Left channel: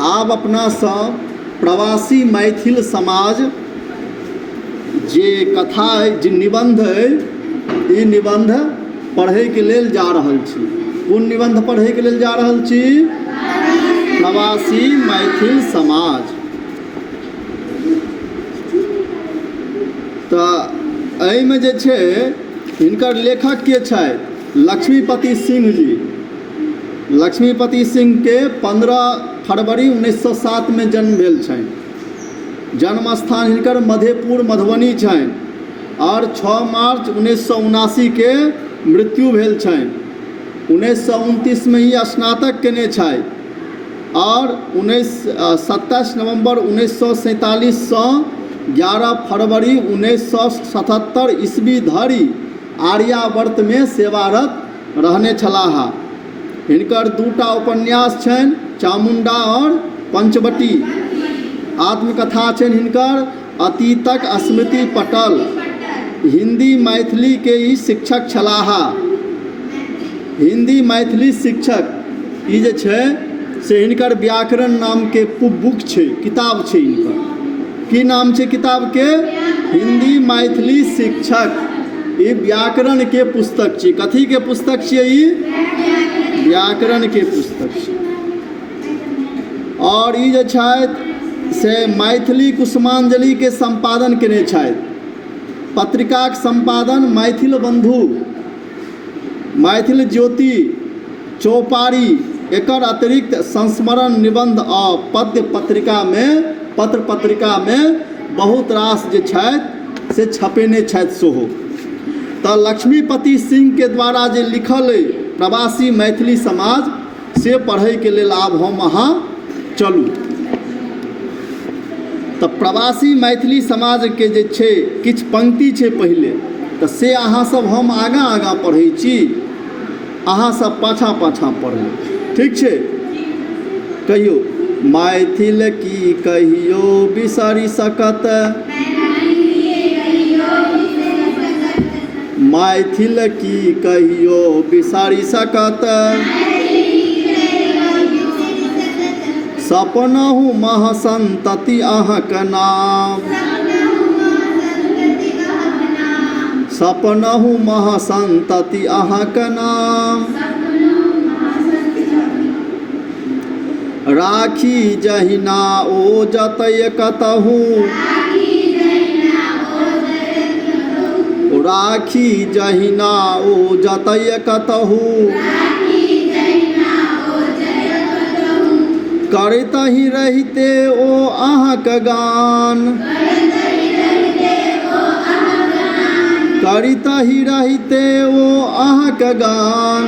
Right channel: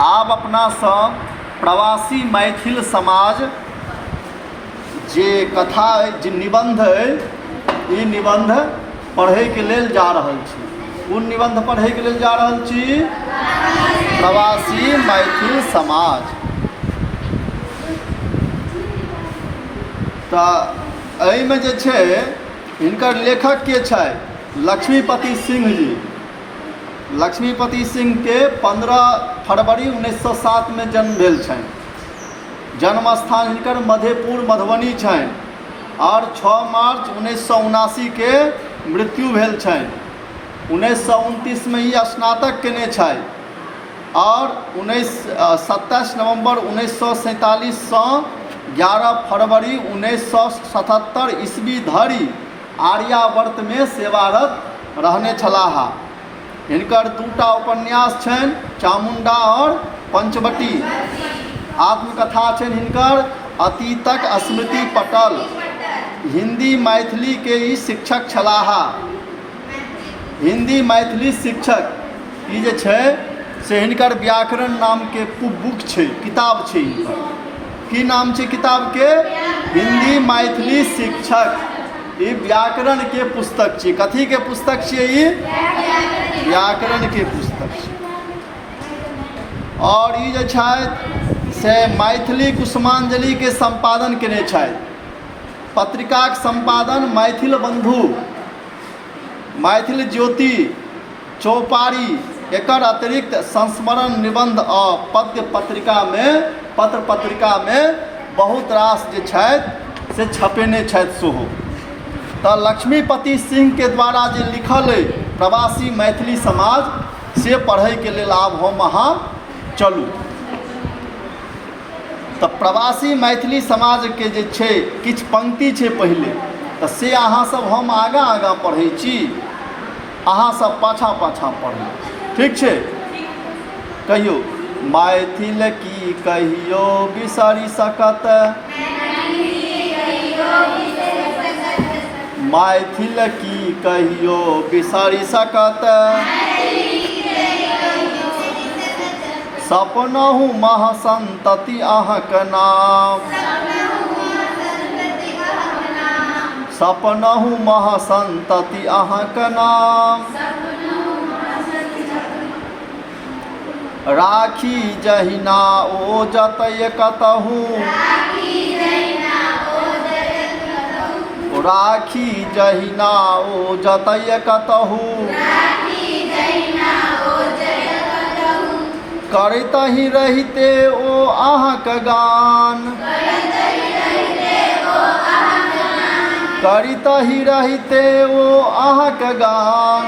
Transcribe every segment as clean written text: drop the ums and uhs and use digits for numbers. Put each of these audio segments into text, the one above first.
आब अपना सब प्रवासी मैथिल समाज जे कथा अइ, जे निबंध अइ, ई निबंध पढ़ैके लेल जा रहल छी। कोन निबंध पढ़ैके लेल जा रहल छी? प्रवासी मैथिल समाज। तऽ एहिमे जे छै हिनकर लेखक के छै? लक्ष्मीपति सिंह जी। लक्ष्मीपति सिंह के 15 फरवरी 1907 में जन्म भेल छनि। जन्म स्थान हिनकर मधेपुर मधुबनी छनि और 6 मार्च 1979 के मृत्यु भेल छनि। 1929 में ही स्नातक केने छथि और 27 नवंबर 1947 से 11 फरवरी 1977 ईस्वी धरि आर्यावर्त में सेवारत रहने छलाह। हिनकर 2टा उपन्यास छनि, चामुंडा और पंचवटी। आत्मकथा छनि हिनकर अतीतक स्मृति पटल। हिंदी मैथिली के ई शिक्षक छलाह। हिंदी मैथिली शिक्षक ई जे छै से हिनकर व्याकरण नाम के बुक छै, किताब छै हिनकर। की नाम छै किताब के? हिंदी मैथिली शिक्षक। ई व्याकरण के पुस्तक छै। कथी के पुस्तक छियै ई? व्याकरण के पुस्तक छै। और ई जे छथि से मैथिली कुसुमांजलि के संपादन केने छथि। पत्रिकाक संपादन मैथिल बंधु, मैथिल ज्योति, चौपारी, एकर अतिरिक्त संस्मरण, निबंध आ पद्य पत्रिका में बहुत रास जे छथि से छपेने छथि सेहो। तऽ लक्ष्मीपति सिंह के द्वारा जे लिखल अइ प्रवासी मैथिली समाज, से पढ़ैके लेल आब हम अहाँ चलू। तऽ प्रवासी मैथिली समाज के जे छै किछु पंक्ति छै पहिले, तऽ से अहाँ सब हम आगाँ पढ़ै छी, अहाँ सब पाछाँ पढ़ू, ठीक छै? कहियो मैथिल की कहियो बिसरि सकत, मैथिल की कहियो बिसरि सकत, सपनहु महसंतति अहाँक नाम, सपनहु महसंतति अहाँक नाम, राखी जहिना ओ जतय कतहु, राखी जहिना ओ जतय कतहु, करतहि रहिते ओ अहाँक गान, करतहि रहिते ओ अहाँक गान,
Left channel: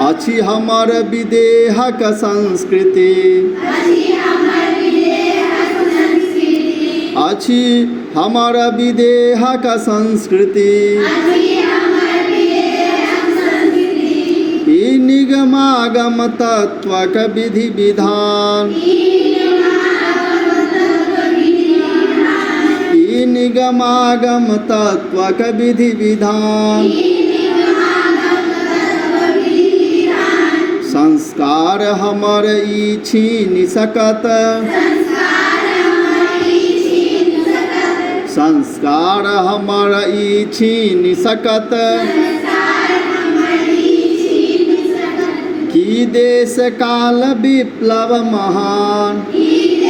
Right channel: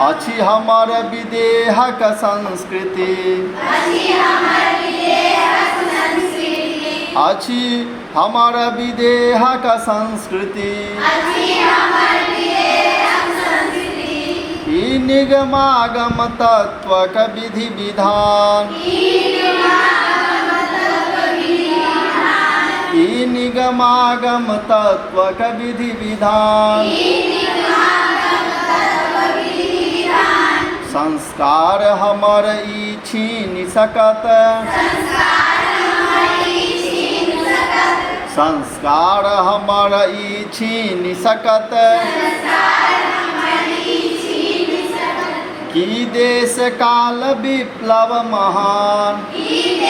अछि हमर विदेहक संस्कृति, अछि हमर विदेहक संस्कृति, ई निगमागम तत्वक विधि विधान, ई निगमागम तत्वक विधि विधान, संस्कार हमर ई छीनि सकत, संस्कार हमर ई छीनि सकत, की देश काल विप्लव महान, की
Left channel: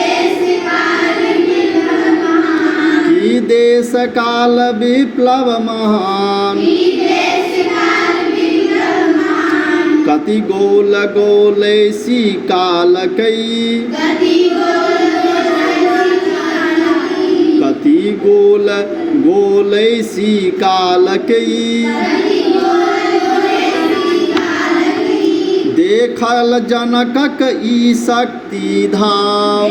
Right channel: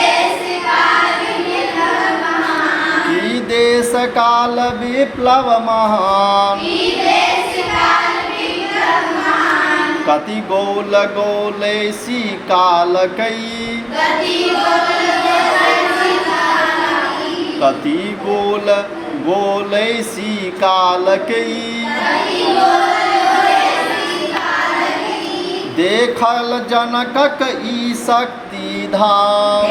देश काल विप्लव महान, कति गोल गोलैसी कालकई, कति गोल गोलैसी कालकई, देखल जनकक ई शक्ति धाम,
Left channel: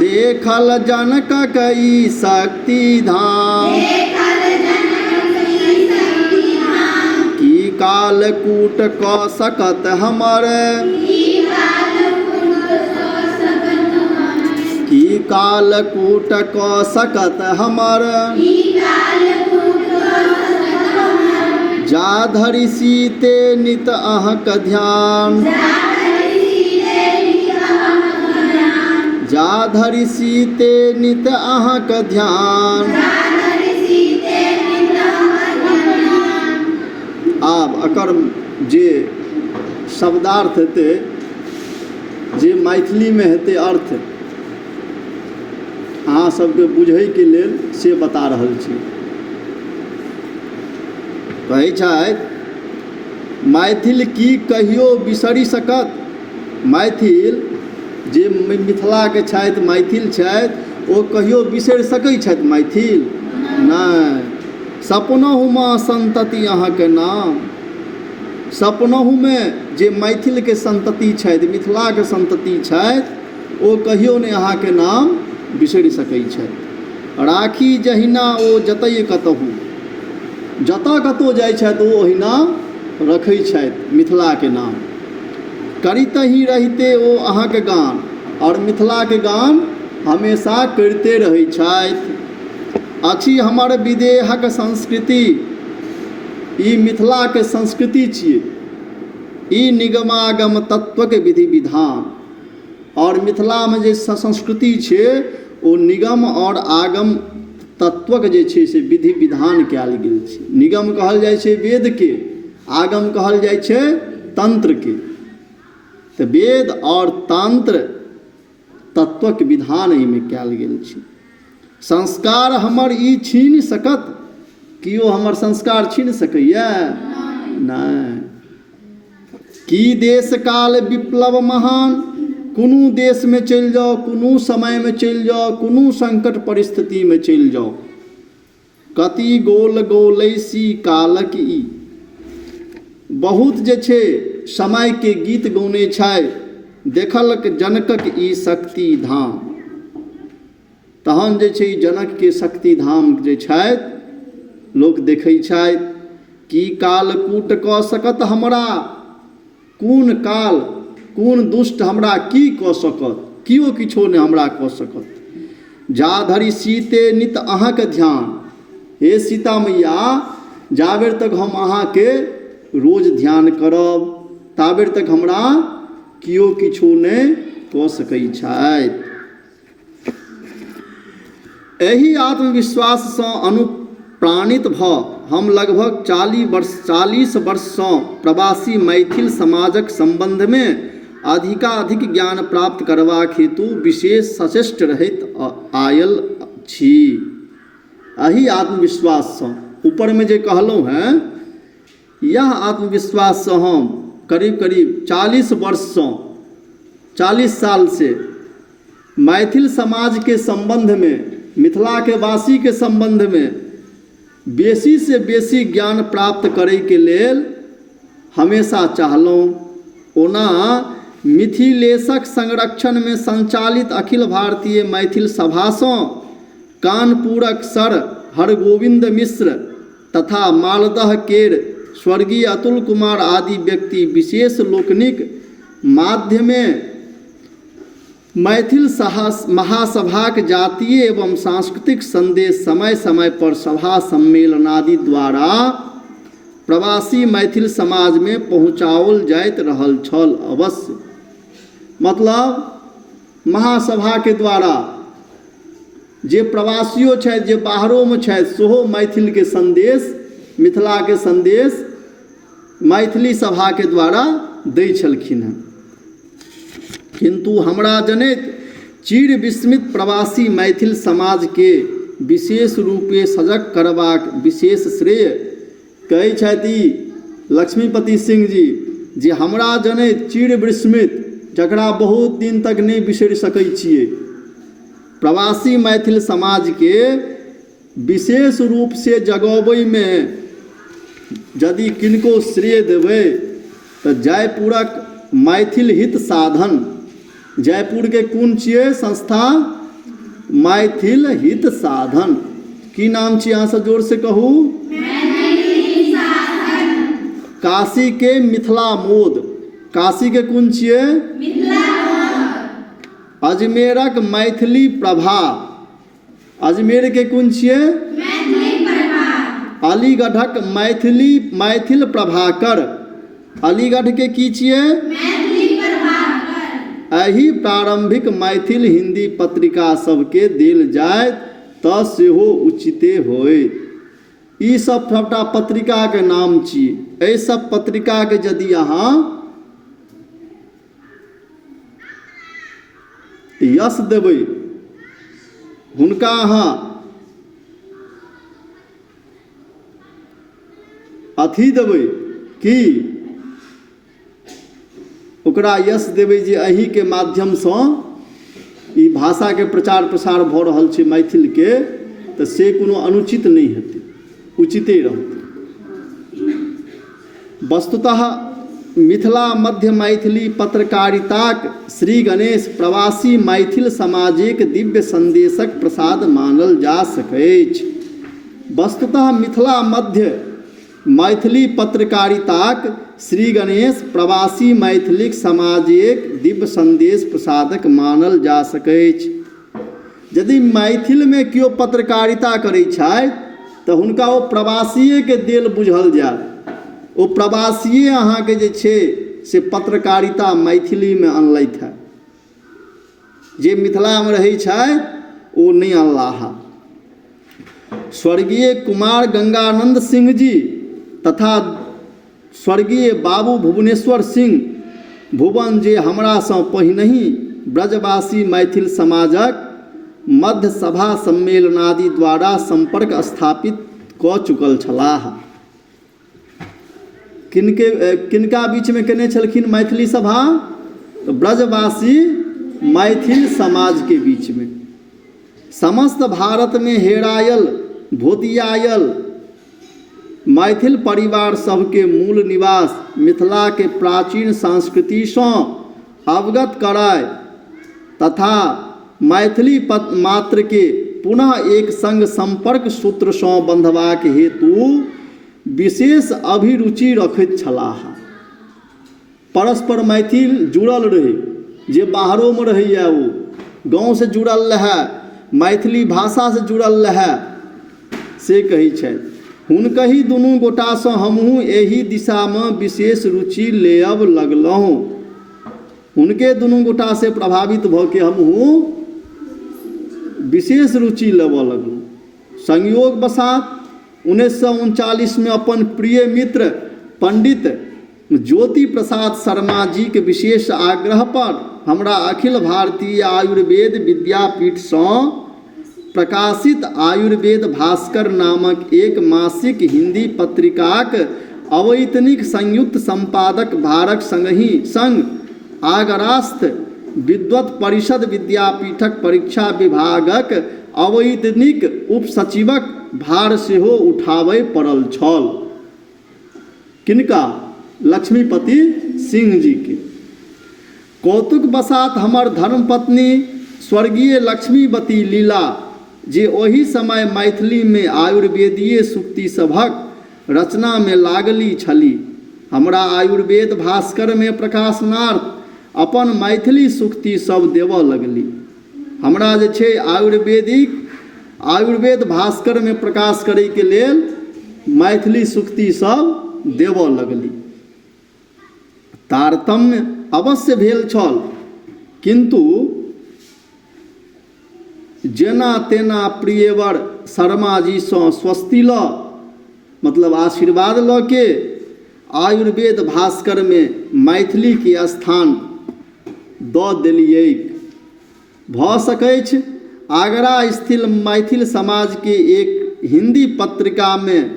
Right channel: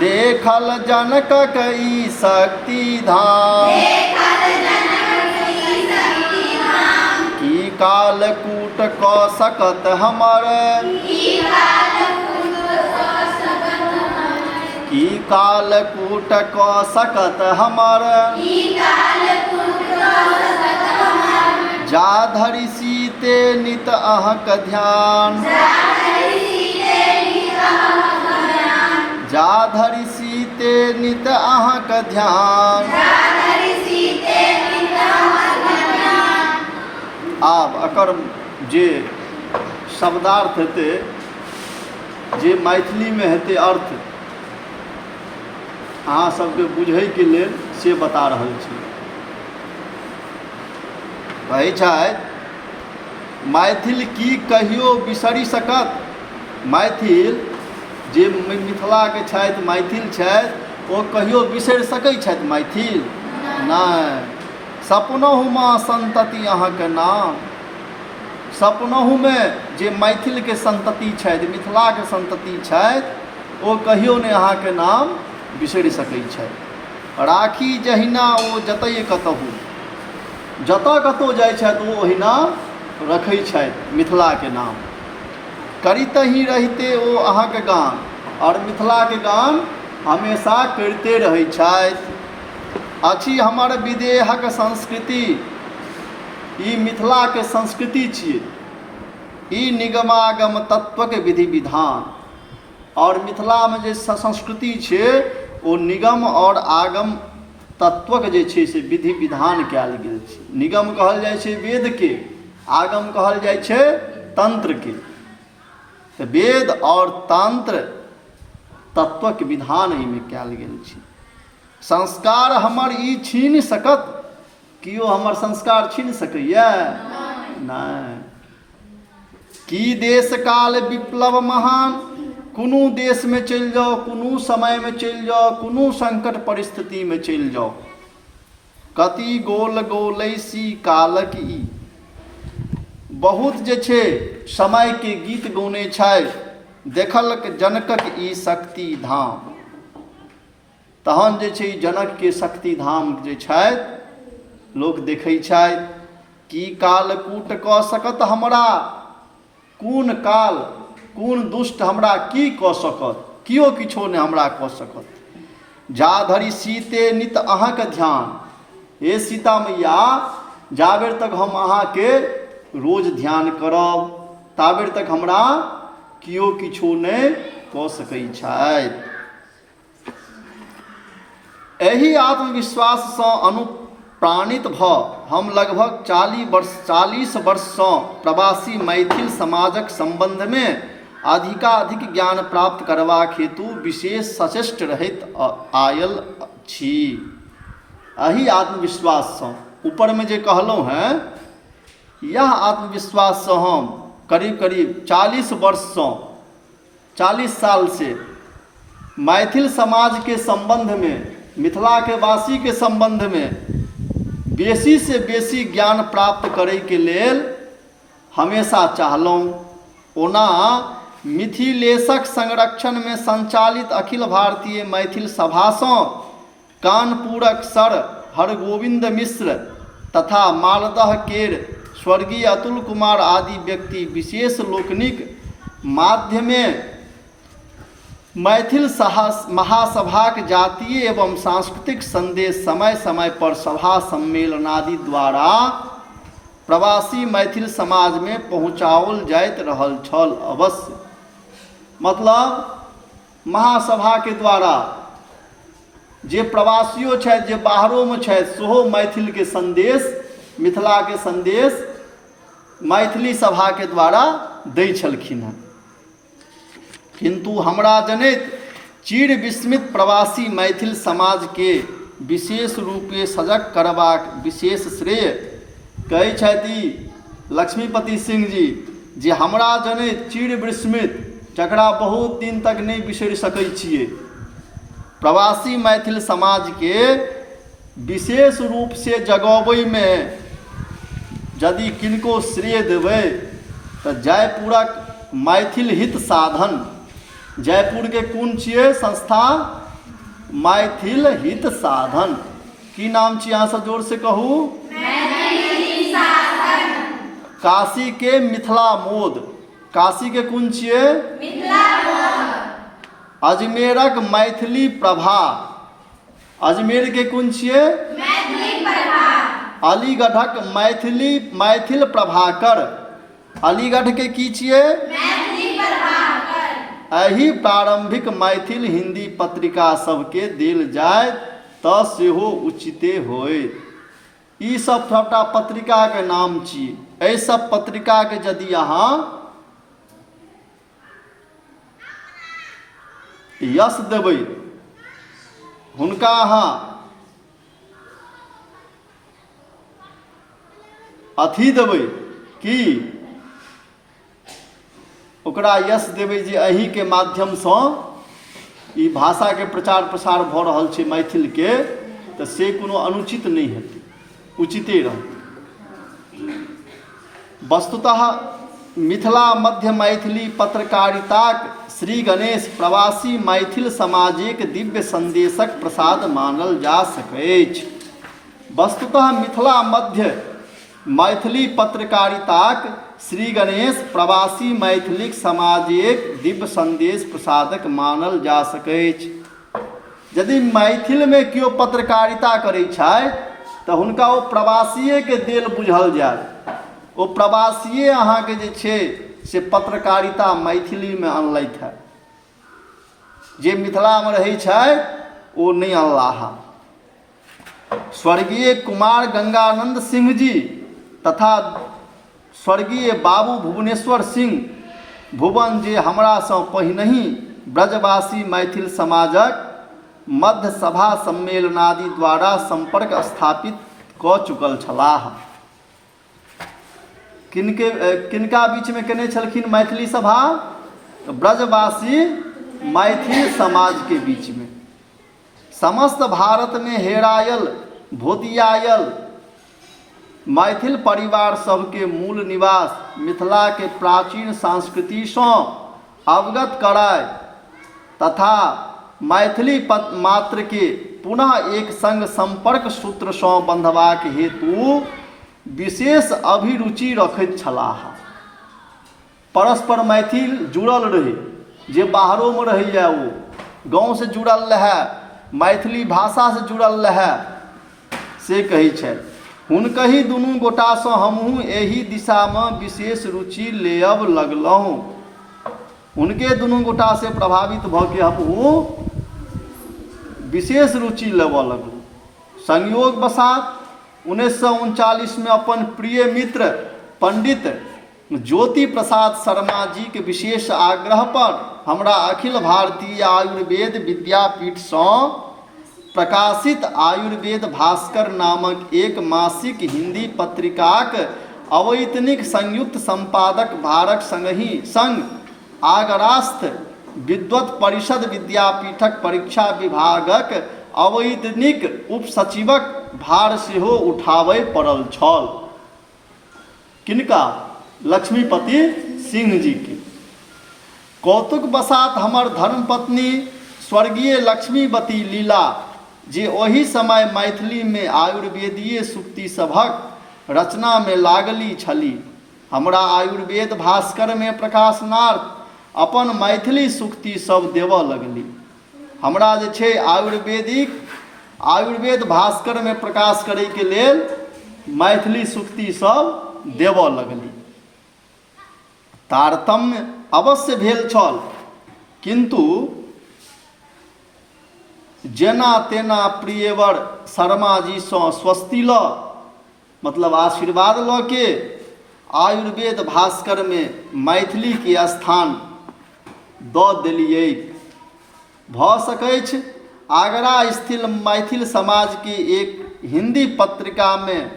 देखल जनकक ई शक्ति धाम, की कालकूट कऽ सकत हमर, की कालकूट कऽ सकत हमर, जा धरि सीते नित अहक ध्यान, जा धरि सीते नित अहक ध्यान। आब एकर जे शब्दार्थ हेतै, जे मैथिलीमे हेतै अर्थ, अहाँ सबके बुझैके लेल से बता रहल छी। कहै छथि मैथिल की कहियो बिसरि सकत। मैथिल जे मिथिलाके छथि, मैथिल छथि, ओ कहियो बिसरि सकैत छथि मैथिल? नहि। सपनहुमे सन्तति अहाँके नाम। सपनहुमे जे मैथिलके सन्तति छथि, मिथिलाके सन्तति छथि, ओ कहियो नहि अहाँके नाम बिसरि सकैत छथि। राखी जहिना ओ जतय कतहु, जतऽ कतहु जाइ छथि ओ ओहिना रखै छथि मिथिलाके नाम। करितहि रहिते ओ अहाँके गान, और मिथिलाके गान हमेशा करिते रहै छथि। अछि हमर विदेहक संस्कृति, ई मिथिलाके संस्कृति छियै, ई निगमागम तत्वके विधि विधान। और मिथिलामे जे संस्कृति छै ओ निगम और आगम तत्वक जे छै से विधि विधान कयल गेल छै। निगम कहल जाइ छै वेदके, आगम कहल जाइ छै तंत्रके। तऽ वेद और तंत्र तत्वक विधान एहिमे कयल गेल छै। संस्कार हमर ई छीन सकत, किओ हमर संस्कार छीन सकैए? नहि। की देश काल विप्लव महान, कोनो देशमे चलि जाउ, कोनो समयमे चलि जाउ, कोनो संकट परिस्थितिमे चलि जाउ, कति गोल गोलैसी कालक ई। बहुत जे छै समयके गीत गौने छै, देखलक जनकक ई शक्ति धाम। तहन जे छै जनकके शक्ति धाम जे छथि लोक देखै छथि। की कालकूट कऽ सकत हमरा, कोन काल कोन दुष्ट हमरा की कऽ सकत, किओ किछो नहि हमरा कऽ सकत। जा धरि सीते नित अहाँके ध्यान, हे सीता मैया, जाबेर तक हम अहाँके रोज ध्यान करब, ताबेर तक हमरा किओ किछो नहि कऽ सकैत छथि। एहि आत्मविश्वाससँ अनुप्राणित भऽ हम लगभग 40 वर्षसँ प्रवासी मैथिल समाजक सम्बन्धमे अधिकाधिक ज्ञान प्राप्त करबाक हेतु विशेष सचेष्ट रहैत आयल छी। एहि आत्मविश्वाससँ, ऊपरमे जे कहलहुँ हैं, यह आत्मविश्वाससँ हम करीब करीब 40 वर्षसँ, 40 साल से मैथिल समाजके सम्बन्धमे, मिथिलाके वासीके सम्बन्धमे बेसी से बेसी ज्ञान प्राप्त करैके लेल हमेशा चाहलहुँ। ओना मिथिलेशक संरक्षणमे संचालित अखिल भारतीय मैथिल सभासँ कानपुरक सर हरगोविंद मिश्र तथा मालदह केर स्वर्गीय अतुल कुमार आदि व्यक्ति विशेष लोकनिक माध्यमे मैथिल महासभाक जातीय एवं सांस्कृतिक संदेश समय समय पर सभा सम्मेलनादि द्वारा प्रवासी मैथिल समाज में पहुँचाओल जाइत रहल छल। अवश्य मतलब महासभा के द्वारा जे प्रवासियों छथि, जे बाहरों में छथि, सेहो मैथिल के संदेश, मिथिला के संदेश मैथिली सभा के द्वारा दै छलखिन हँ। किंतु हमरा जनैत चिर विस्मित प्रवासी मैथिल समाज के विशेष रूपे सजग करबाक विशेष श्रेय कहै छथि लक्ष्मीपति सिंह जी, जे हमरा जनैत चिर विस्मित, जकरा बहुत दिन तक नहीं बिसरि सकै छियै, प्रवासी मैथिल समाज के विशेष रूप से जगबै में यदि किनको श्रेय देबै तऽ जयपुरक मैथिल हित साधन, जयपुर के कोन छियै संस्था? मैथिल हित साधन। की नाम छियै? अहाँ सब जोर से कहू। मैथिल साधन। काशी के मिथिला मोद, काशी के कोन छियै? मिथिला मोद। अजमेरक मैथिली प्रभा, अजमेर के कोन छियै? मैथिली प्रभा। अलीगढ़क मैथिल प्रभाकर। अलीगढ़ के की छियै? एहि प्रारंभिक मैथिल हिंदी पत्रिका सबके देल जाय तऽ सेहो उचिते होयत। ई सब सबटा पत्रिका के नाम छियै। एहि सब पत्रिका के यदि अहाँ यश देबै, हुनका अहाँ अथी देबै कि ओकरा यश देबै जे एहिके माध्यमसँ ई भाषाके प्रचार प्रसार भऽ रहल छै मैथिलके, तऽ से कोनो अनुचित नहि हेतै, उचिते रहतै। वस्तुतः मिथिला मध्य मैथिली पत्रकारिताक श्री गणेश प्रवासी मैथिल समाजक दिव्य संदेशक प्रसाद मानल जा सकैछ। वस्तुतः मिथिला मध्य मैथिली पत्रकारिताक श्री गणेश प्रवासी मैथिलिक समाजक दिव्य संदेश प्रसादक मानल जा सकैछ। यदि मैथिलमे केओ पत्रकारिता करै छथि तऽ हुनका ओ प्रवासिएके देल बुझल जायत। ओ प्रवासिए अहाँके जे छै से पत्रकारिता मैथिलीमे अनलथि है। जे मिथिलामे रहै छथि ओ नहि अनलाह। स्वर्गीय कुमार गंगानंद सिंह जी तथा स्वर्गीय बाबू भुवनेश्वर सिंह भुवन, जे हमरासँ पहिनहि ब्रजवासी मैथिल समाजक मध्य सभा सम्मेलनादि द्वारा संपर्क स्थापित कऽ चुकल छलाह। किनका बीच में केने छलखिन मैथिली सभा? तो ब्रजवासी मैथिल समाज के बीच में। समस्त भारत में हेरायल भोतियायल मैथिल परिवार सबके मूल निवास मिथिला के प्राचीन संस्कृति सँ अवगत कराय तथा मैथिली मात्र के पुनः एक संग संपर्क सूत्र सँ बंधबाक हेतु विशेष अभिरुचि रखैत छलाह। परस्पर मैथिल जुड़ल रहे, जे बाहरों में रहैया ओ गाँव से जुड़ल रहे, मैथिली भाषा से जुड़ल रहे, से कहै छै। हुनकहि दुनू गोटासँ हमहूँ एहि दिशामे विशेष रुचि लेब लगलहुँ। हुनके दुनू गोटा से प्रभावित भऽ के हमहूँ विशेष रुचि लेबऽ लगलहुँ। संयोग वशात 1939 में अपन प्रिय मित्र पंडित ज्योति प्रसाद शर्मा जी के विशेष आग्रह पर हमरा अखिल भारतीय आयुर्वेद विद्यापीठ सँ प्रकाशित आयुर्वेद भास्कर नामक एक मासिक हिंदी पत्रिकाक अवैतनिक संयुक्त संपादक भारक संग आगरास्थ विद्वत परिषद विद्यापीठक परीक्षा विभागक अवैतनिक उपसचिवक भार सेहो उठाबय पड़ल छल। किनका? लक्ष्मीपति सिंह जी के। कौतुक वशात हमर धर्मपत्नी स्वर्गीय लक्ष्मीवती लीला, जे ओहि समय मैथिली में आयुर्वेदीय सूक्ति सभक रचना में लागली छली, हमरा आयुर्वेद भास्कर में प्रकाशनार्थ अपन मैथिली सूक्ति सब देवऽ लगली। हमरा जे छै आयुर्वेद भास्कर में प्रकाश करे के लेल मैथिली सूक्ति सब देवऽ लगली। तारतम्य अवश्य भेल छल, किंतु जेना तेना प्रियवर शर्मा जी सँ स्वस्ति ल, मतलब आशीर्वाद ल के आयुर्वेद भास्कर में मैथिली के स्थान दऽ देलियै। भऽ सकैछ आगरा स्थित मैथिल समाज के एक हिंदी पत्रिका में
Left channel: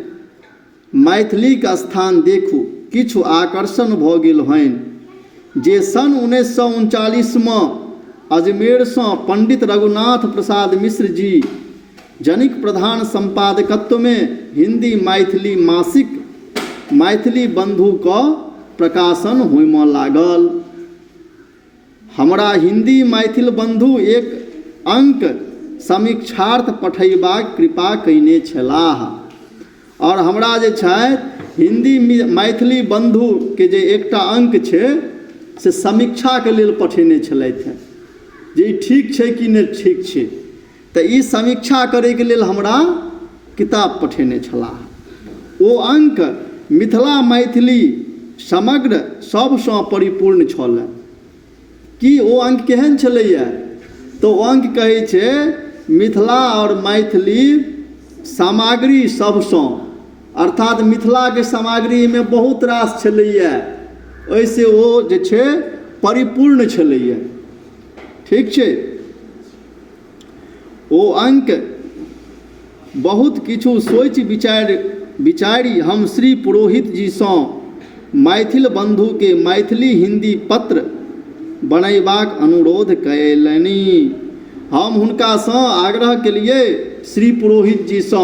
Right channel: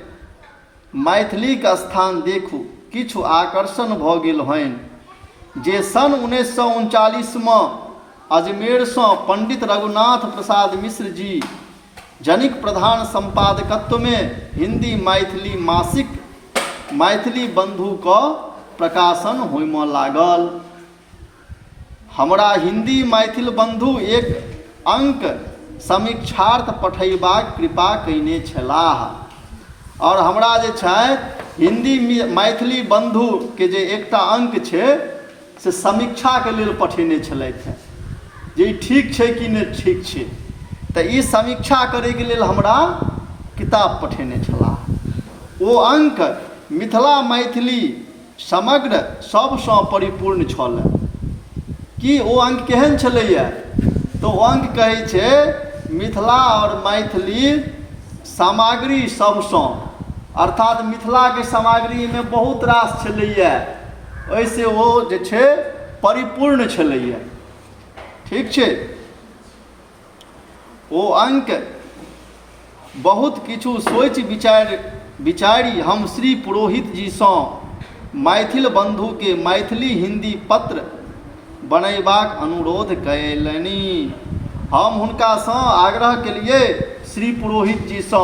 मैथिली का स्थान देखू किछु आकर्षण भऽ गेल होइन, जे सन 1939 में अजमेर सँ पंडित रघुनाथ प्रसाद मिश्र जी जनिक प्रधान संपादकत्व में हिंदी मैथिली मासिक मैथिली बंधु का प्रकाशन होइम लागल। हमरा हिंदी मैथिल बंधु एक अंक समीक्षार्थ पठेबाक कृपा कयने छलाह, और हमरा जे छथि हिंदी मैथिली बंधु के जे एकटा अंक छै से समीक्षा के लेल पठेने छलथि हैं, जे ई ठीक छै कि नहि ठीक छै। तऽ ई समीक्षा करैके लेल हमरा किताब पठेने छलाह। ओ अंक मिथिला मैथिली समग्र सबसँ परिपूर्ण छल। कि ओ अंक केहन छलैए? तो ओ अंक कहै छै मिथिला और मैथिली सामग्री सबसँ, अर्थात मिथिलाके सामग्रीमे बहुत रास छलैए, ओहिसँ ओ जे छै परिपूर्ण छलैए। ठीक छै। ओ अंक बहुत किछु सोचि विचारि हम श्री पुरोहित जीसँ मैथिल बंधुके मैथिली हिंदी पत्र बनैबाक अनुरोध कयलनि। हम हुनकासँ आग्रह केलिए श्री पुरोहित जीसँ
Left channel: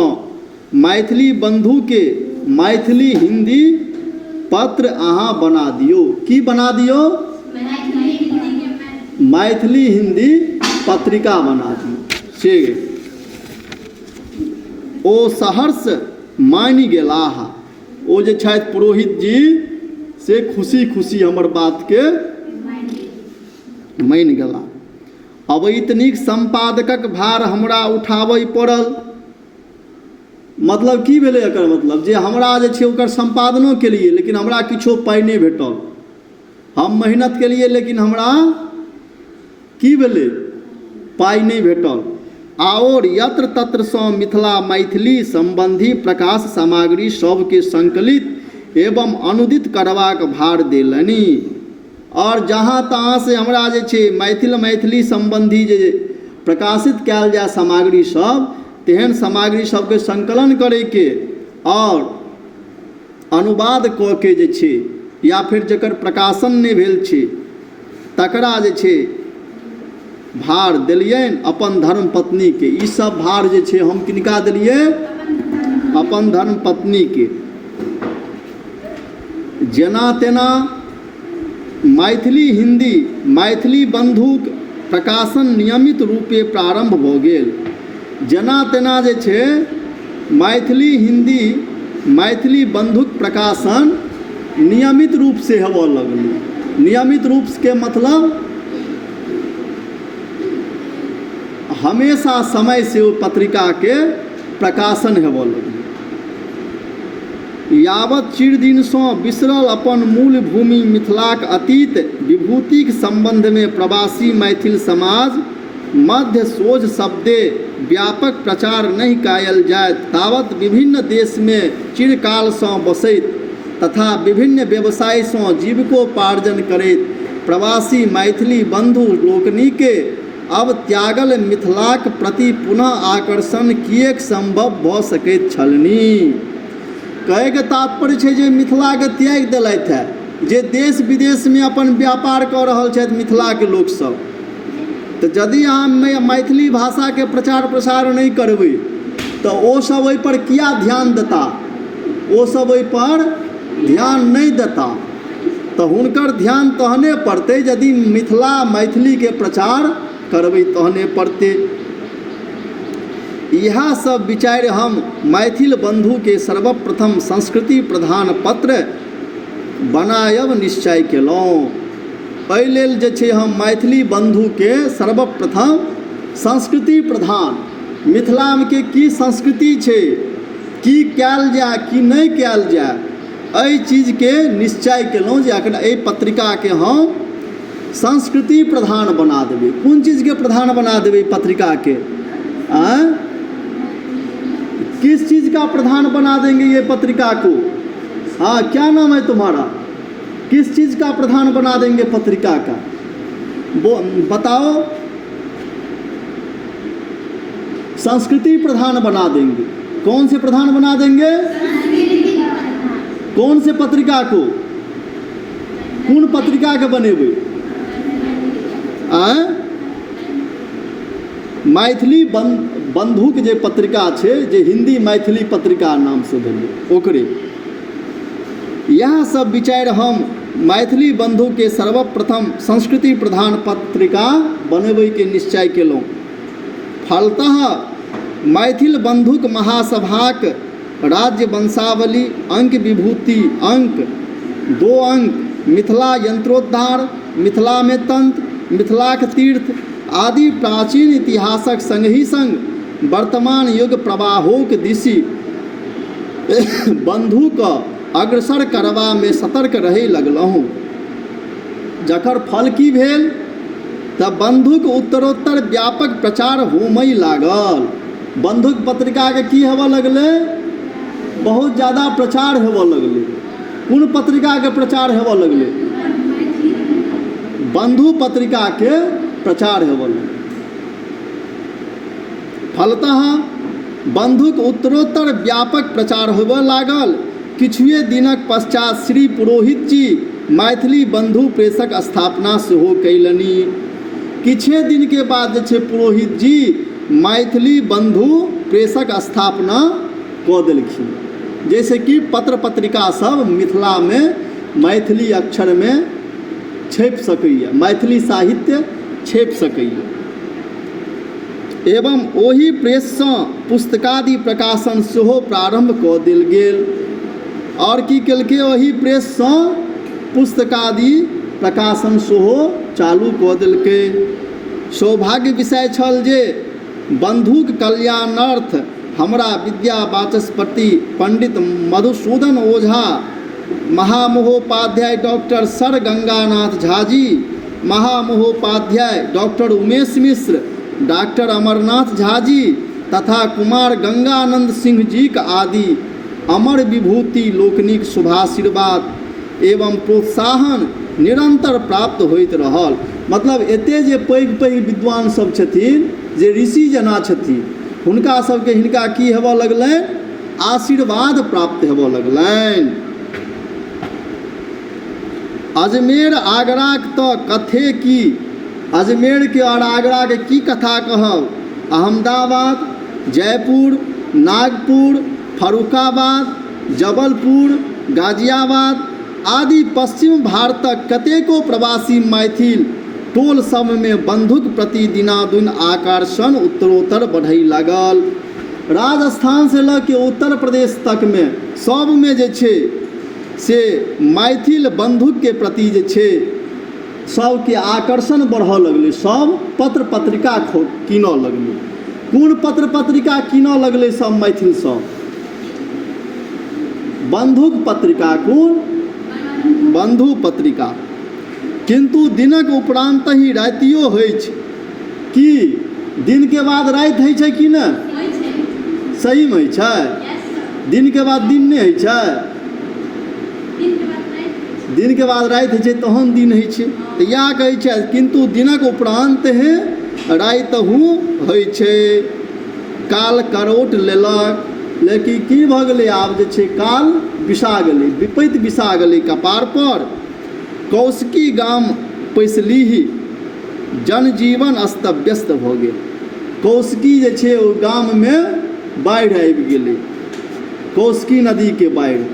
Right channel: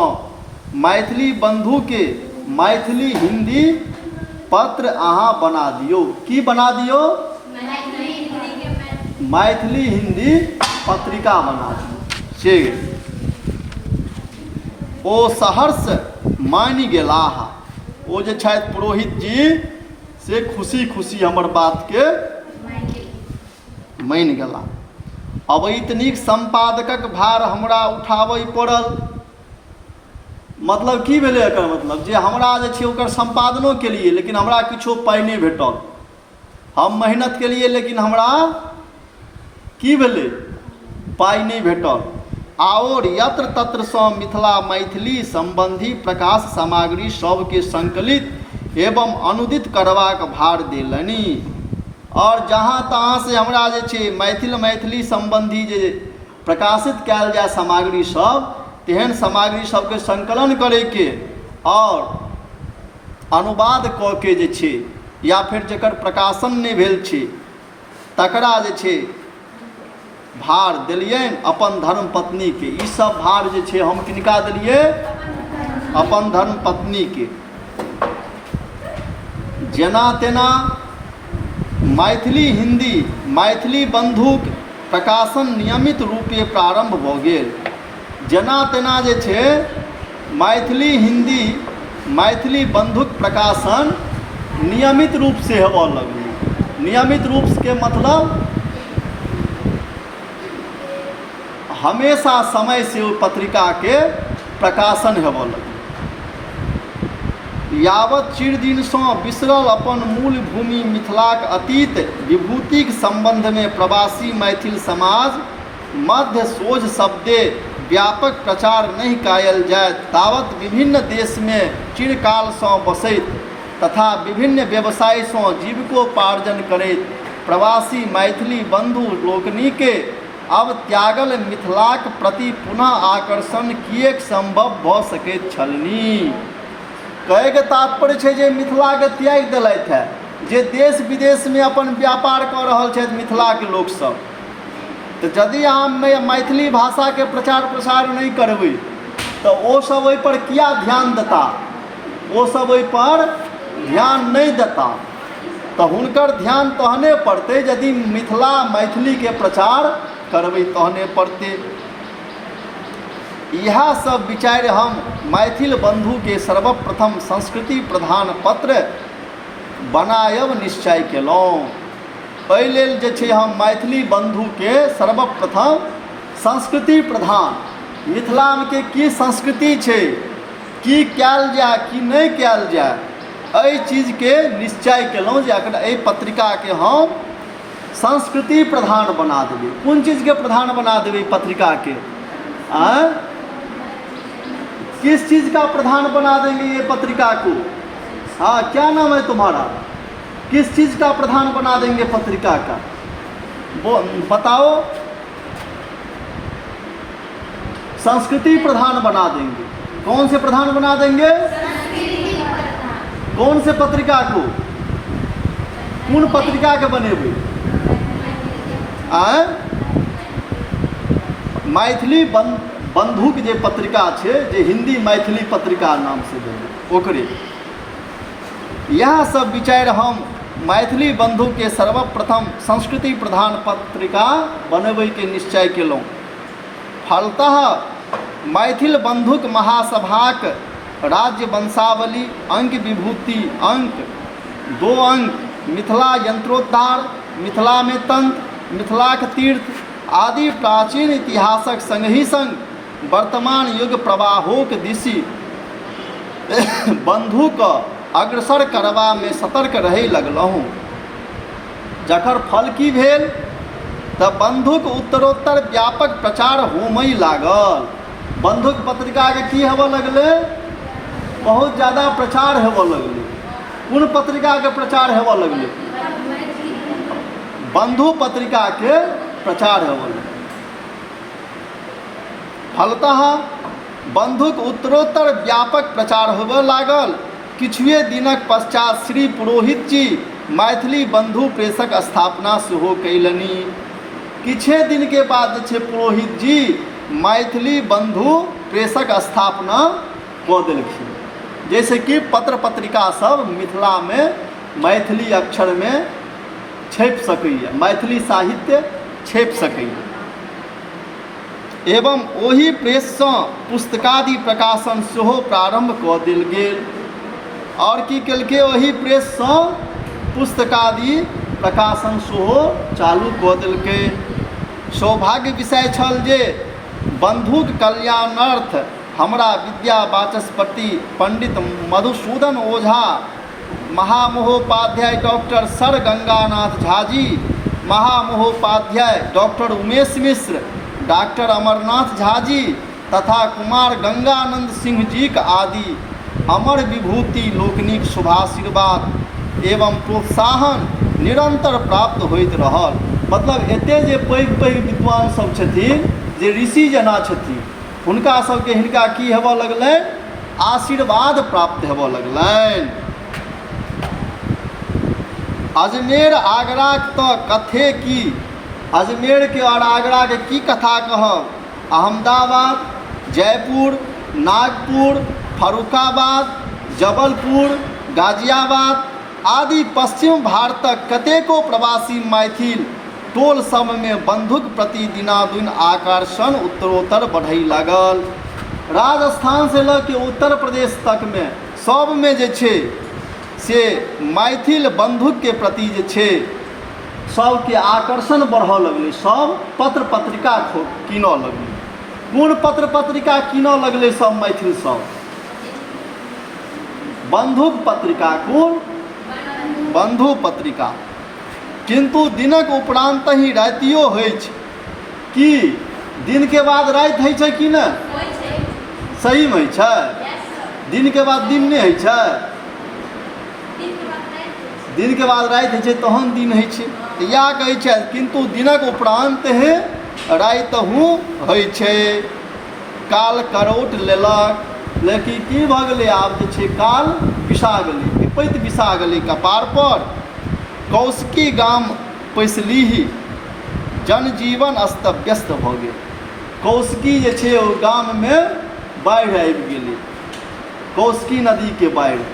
मैथिली बंधुके मैथिली हिंदी पत्र अहाँ बना दियौ। की बना दियौ? मैथिली हिंदी पत्रिका बना दियौ। से ओ सहर्ष मानि गेलाह। ओ जे छथि पुरोहित जी से खुशी खुशी हमर बातके मानि गेलाह। अब इतनीक संपादकक भार हमरा उठाबय पड़ल। मतलब की भेलै एकर मतलब? जे हमरा जे छै ओकर संपादनो केलिए लेकिन हमरा किछो पाइ नहि भेटल। हम मेहनत केलिए लेकिन हमरा की भेलै? पाइ नहि भेटल। आओर यत्र तत्रसँ मिथिला मैथिली संबंधी प्रकाश सामग्री सबके संकलित एवं अनुदित करबाक भार देलनि। और जहाँ तहाँ से हमरा जे छै मैथिली संबंधी जे प्रकाशित कयल जाय सामग्री सब, तेहन सामग्री सबके संकलन करैके और अनुवाद कऽ के जे छै, या फिर जकर प्रकाशन नहि भेल छै तकरा जे छै भार देलियनि अपन धर्म पत्नीके। ई सब भार जे छै हम किनका देलिए? अपन धर्म पत्नीके। जेना तेना मैथिली हिंदी मैथिली बंधुक प्रकाशन नियमित रूपे प्रारंभ भऽ गेल। जेना तेना जे छै मैथिली हिंदी मैथिली बंधुक प्रकाशन नियमित रूप से हेबऽ लगलै। नियमित रूप के मतलब हमेशा समय से ओ पत्रिका के प्रकाशन हेबऽ लगलै। यावत चिरदिनसँ बिसरल अपन मूल भूमि मिथिलाक अतीत विभूतिक संबंधमे प्रवासी मैथिल समाज मध्य सोझ शब्दे व्यापक प्रचार नहीं कायल जाय, तावत विभिन्न देश में चिरकालसँ बसैत तथा विभिन्न व्यवसायसँ जीविकोपार्जन करैत प्रवासी मैथिली बंधु लोकनिके अब त्यागल मिथिलाक प्रति पुनः आकर्षण किएक संभव भऽ सकैत छलनि। कहैके तात्पर्य छै जे मिथिलाके त्याग देलथि है, जे देश विदेशमे अपन व्यापार कऽ रहल छथि मिथिलाके लोकसभ। तऽ यदि अहाँ मैथिली भाषाके प्रचार प्रसार नहीं करबै तऽ ओ सब ओहि पर किया ध्यान देता? ओ सब ओहि पर ध्यान नहीं देता। तऽ हुनकर ध्यान तहने पड़तै यदि मिथिला मैथिलीके प्रचार करबै तहने पड़तै। इएह सब विचार हम मैथिल बंधुके सर्वप्रथम संस्कृति प्रधान पत्र बनायब निश्चय केलहुँ। एहि लेल जे छै हम मैथिली बंधुके सर्वप्रथम संस्कृति प्रधान, मिथिलाके की संस्कृति छै, की कयल जाय की नहीं कयल जाय, एहि चीजके निश्चय केलहुँ जे एहि पत्रिकाके हम संस्कृति प्रधान बना देबै। कोन चीज़ के प्रधान बना देबै पत्रिका के? किस चीज़ का प्रधान बना देंगे ये पत्रिका को? हाँ, क्या नाम है तुम्हारा? किस चीज़ का प्रधान बना देंगे पत्रिका का? वो बताओ। संस्कृति प्रधान बना देंगे। कौन से प्रधान बना देंगे? कौन से पत्रिका को? कौन पत्रिका के बनेबै? मैथिली बंधुक जे पत्रिका छै, जे हिंदी मैथिली पत्रिका नाम से बने ओकरे। यह सब विचार हम मैथिली बंधुके सर्वप्रथम संस्कृति प्रधान पत्रिका बनबै के निश्चय केलहुँ। फलतः मैथिल बंधुक महासभाक राज्य वंशावली अंक विभूति अंक 2 अंक मिथिला यंत्रोद्धार, मिथिला में तंत्र, मिथिलाक तीर्थ आदि प्राचीन इतिहासक संग ही संग वर्तमान युग प्रवाहोक दिशि बंधुक अग्रसर करबा में सतर्क रहै लगलहुँ। जकर फल की भेल तऽ बंधुक उत्तरोत्तर व्यापक प्रचार होमय लागल। बंधुक पत्रिकाके की हेबऽ लगलै? बहुत ज़्यादा प्रचार हेबऽ लगलै। कोन पत्रिकाके प्रचार हेबऽ लगलै? बंधु पत्रिकाके प्रचार हेबऽ लगलै। फलतः बंधुक उत्तरोत्तर व्यापक प्रचार होबऽ लागल। किछुए दिनक पश्चात श्री पुरोहित जी मैथिली बंधु प्रेसक स्थापना सेहो कयलनि। किछे दिन के बाद जे छै पुरोहित जी मैथिली बंधु प्रेसक स्थापना कऽ देलखिन, जैसे कि पत्र पत्रिका सब मिथिला में मैथिली अक्षर में छपि सकैए, मैथिली साहित्य छपि सकैए। एवं ओही प्रेससँ पुस्तकादि प्रकाशन सेहो प्रारंभ कऽ देल गेल। और की केलकै? ओही प्रेससँ पुस्तकादि प्रकाशन सेहो चालू कऽ देलकै। सौभाग्य विषय छल जे बंधुक कल्याणार्थ हमरा विद्या वाचस्पति पंडित मधुसूदन ओझा, महामहोपाध्याय डॉक्टर सर गंगानाथ झा जी, महामहोपाध्याय डॉक्टर उमेश मिश्र, डॉक्टर अमरनाथ झा जी तथा कुमार गंगानंद सिंह जी के आदि अमर विभूति लोकनिक शुभाशीर्वाद एवं प्रोत्साहन निरंतर प्राप्त होइत रहल। मतलब एते जे पैघ पैघ विद्वान सब छथिन, जे ऋषि जना छथिन, हुनका सबके हिनका की हेबऽ लगलनि? आशीर्वाद प्राप्त हेबऽ लगलनि। अजमेर आगराक तऽ कथे की, अजमेर के और आगरा के की कथा कहब। अहमदाबाद, जयपुर, नागपुर, फरुखाबाद, जबलपुर, गाजियाबाद आदि पश्चिम भारतक कतेको प्रवासी मैथिल टोल सब में बंधुक प्रति दिनादुन आकर्षण उत्तरोत्तर बढ़ै लागल। राजस्थान से लऽ के उत्तर प्रदेश तक में सब में जे छै से मैथिल बंधुक के प्रति जे छै सबके आकर्षण बढ़ऽ लगलै। सब पत्र पत्रिका कीनऽ लगलै। कोन पत्र पत्रिका कीनऽ लगलै सब मैथिल सब? बंधुक पत्रिका। कोन? बंधु पत्रिका। किंतु दिनक उपरांत ही रातियो होइ छै कि दिन के बाद राति होइ छै कि नहि? सही में होइ छै? दिन के बाद दिन नहि होइ छै? दिन के बाद राति होइ छै तहन दिन होइ छै। तऽ इएह कहै छै किंतु दिनक उपरांत ही रातिहु होइ छै। काल करोट लेलक, लेकिन की भऽ गेलै? आब जे छै काल बिसा गेलै, विपत्ति बिसा गेलै कपार पर। कौशकी गाम पैसलीही, जनजीवन अस्त व्यस्त भऽ गेल। कौशकी जे छै ओ गाम में बाढ़ि आबि गेलै, कौशकी नदी के बाढ़ि,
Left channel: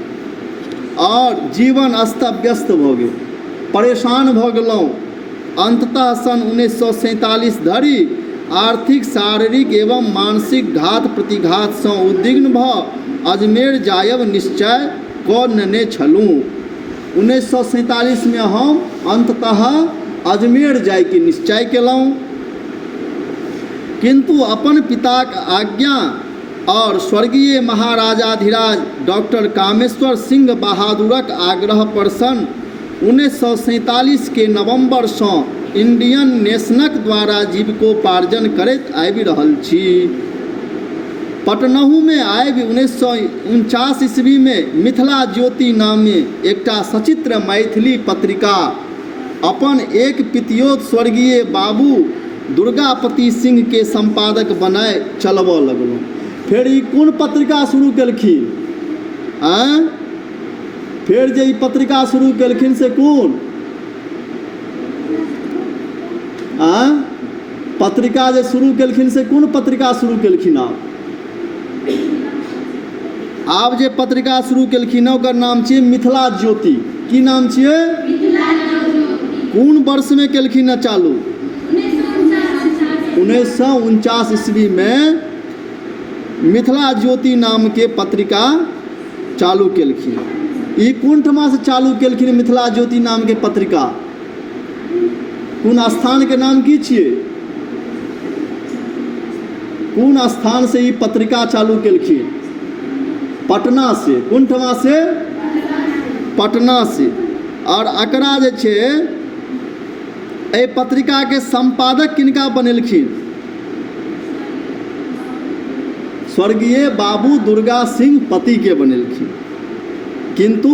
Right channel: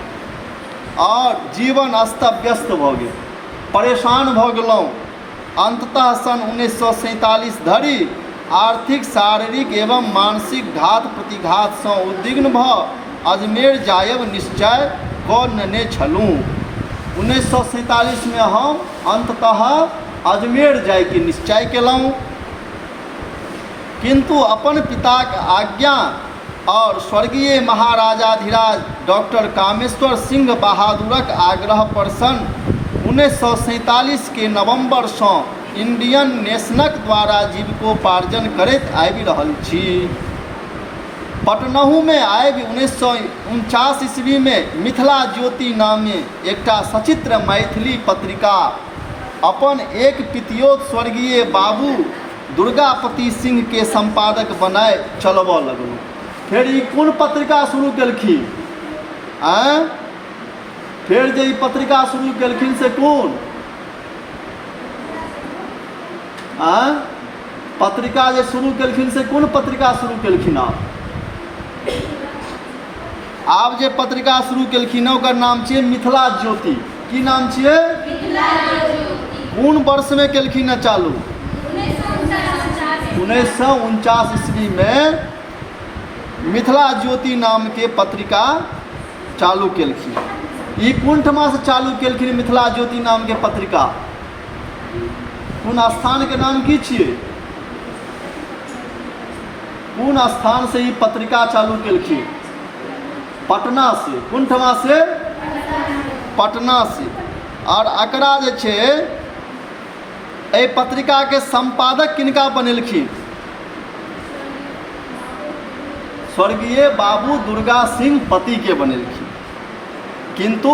और जीवन अस्त व्यस्त भऽ गेल। परेशान भऽ गेलहुँ। अंततः सन 1947 धरि आर्थिक, शारीरिक एवं मानसिक घात प्रतिघात सँ उद्विग्न भऽ अजमेर जायब निश्चय कऽ नेने छलहुँ। 1947 में हम अंततः अजमेर जाय के निश्चय केलहुँ। किंतु अपन पिताक आज्ञा और स्वर्गीय महाराजाधिराज डॉक्टर कामेश्वर सिंह बहादुरक आग्रह पर सन 1947 के नवंबर से इंडियन नेशनक द्वारा जीविकोपार्जन करैत आबि रहल छी। पटनहु में आबि 1949 ईस्वी में मिथिला ज्योति नामे एकटा सचित्र मैथिली पत्रिका अपन एक पितियोत स्वर्गीय बाबू दुर्गापति सिंह के संपादक बनाए चलबऽ लगलहुँ। फिर ई कोन पत्रिका शुरू केलखिन? फिर जे ई पत्रिका शुरू केलखिन से कोन? पत्रिका जे शुरू केलखिन से कोन पत्रिका शुरू केलखिन? आब जे पत्रिका शुरू केलखिन ओकर नाम छियै मिथिला ज्योति। की नाम छियै? मिथिला ज्योति। कोन वर्ष में केलखिन है चालू? 1949 ईस्वी में मिथिला ज्योति नाम के पत्रिका चालू केलखिन। ई कोन ठमा से चालू केलखिन मिथिला ज्योति नाम के पत्रिका? कोन स्थान के नाम की छियै? कोन स्थान से ई पत्रिका चालू केलखिन? पटना से। कोन ठमा से? पटना से। और एकरा जे छै एहि पत्रिकाके संपादक किनका बनेलखिन? स्वर्गीय बाबू दुर्गा सिंह पति के बनेलखिन। किंतु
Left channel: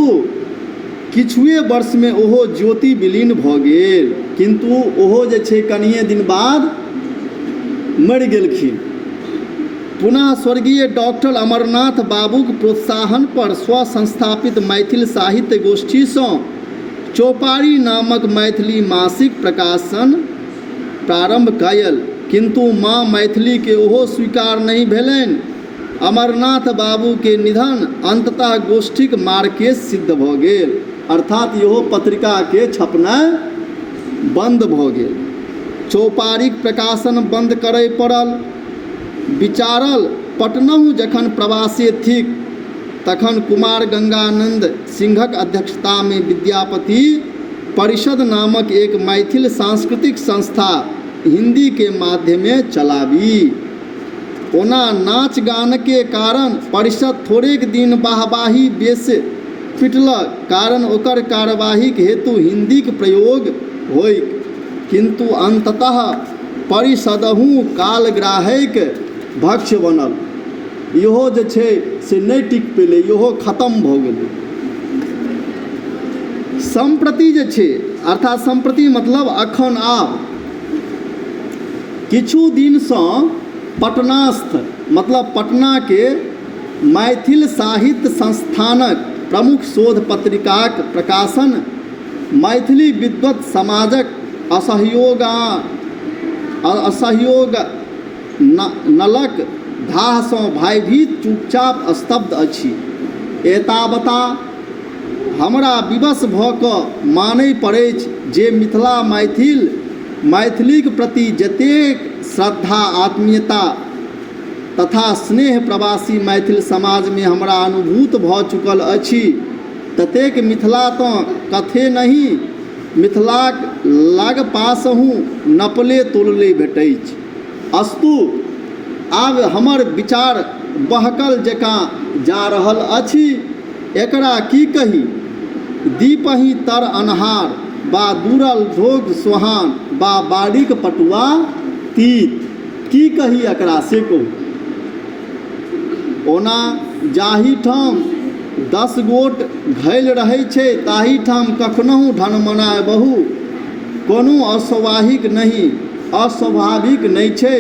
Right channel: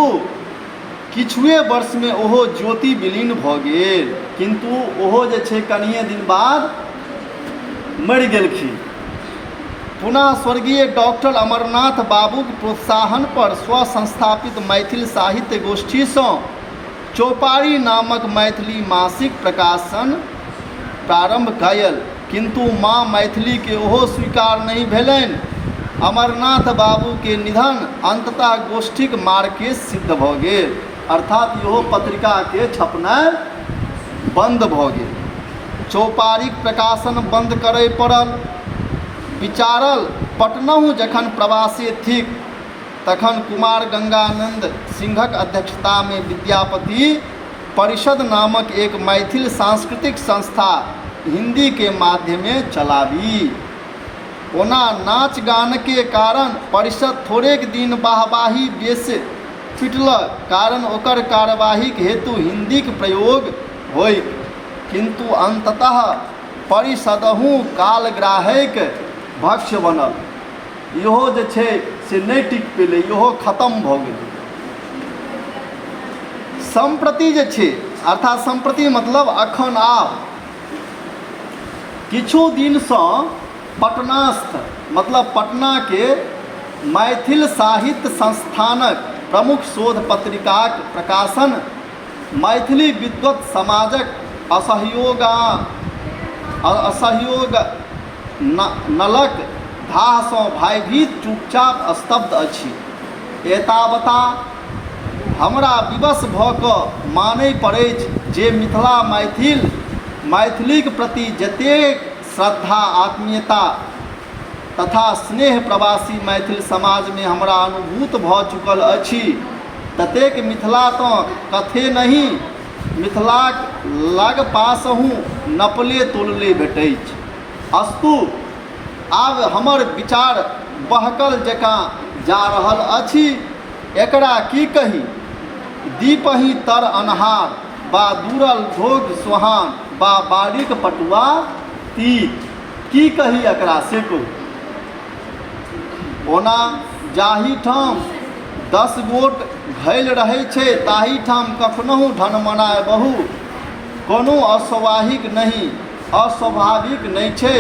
किछुए वर्ष में ओहो ज्योति विलीन भऽ गेल। किंतु ओहो जे छै कनिये दिन बाद मरि गेलखिन। पुनः स्वर्गीय डॉक्टर अमरनाथ बाबूक प्रोत्साहन पर स्वसंस्थापित मैथिल साहित्य गोष्ठीसँ चौपारी नामक मैथिली मासिक प्रकाशन प्रारंभ कयल। किंतु माँ मैथिली के ओहो स्वीकार नहीं भेलनि। अमरनाथ बाबू के निधन अंततः गोष्ठीक मार्के सिद्ध भऽ गेल। अर्थात इहो पत्रिका के छपनाइ बंद भऽ गेल। चौपारीक प्रकाशन बंद करय पड़ल। विचारल पटनहु जखन प्रवासी थिक तखन कुमार गंगानंद सिंहक अध्यक्षता में विद्यापति परिषद नामक एक मैथिल सांस्कृतिक संस्था हिंदी के माध्यमे चलाबी। ओना नाच गान के कारण परिषद थोड़ेक दिन वाहवाही बेस पिटलक, कारण ओकर कार्यवाहीक हेतु हिंदीक प्रयोग होइ। किंतु अंततः परिषदहु कालग्राहक भक्ष बनल। इहो जे छै से नहीं टिक पेलै, इहो खत्म भऽ गेलै। संप्रति जे छै, अर्थात संप्रति मतलब अखन आब किछु दिनसँ पटनास्थ मतलब पटना के मैथिल साहित्य संस्थानक प्रमुख शोध पत्रिकाक प्रकाशन मैथिली विद्वत समाजक असहयोग नलक धासँ भयभीत चुपचाप स्तब्ध अछि। एतावता हमरा विवश भऽ कऽ मानय पड़ैछ जे मिथिला मैथिलीक प्रति जतेक श्रद्धा आत्मीयता तथा स्नेह प्रवासी मैथिल समाज में हमरा अनुभूत भऽ चुकल अछि, ततेक मिथिला तऽ कथे नहीं, मिथिलाक लग पासहु नपले तोलले भेटैछ। अस्तु आब हमर विचार बहकल जकाँ जा रहल अछि। एकरा की कही? दीपहि तर अन्हार, बा दूरल भोग सोहान, बा बाड़ीक पटुआ तीत। की कही एकरा से कहू। ओना जाहि ठाम 10 गोट घैल रहै छै ताहि ठाम कखनहु ढनमनाय बहु कोनो अस्वाभाविक नहीं छै।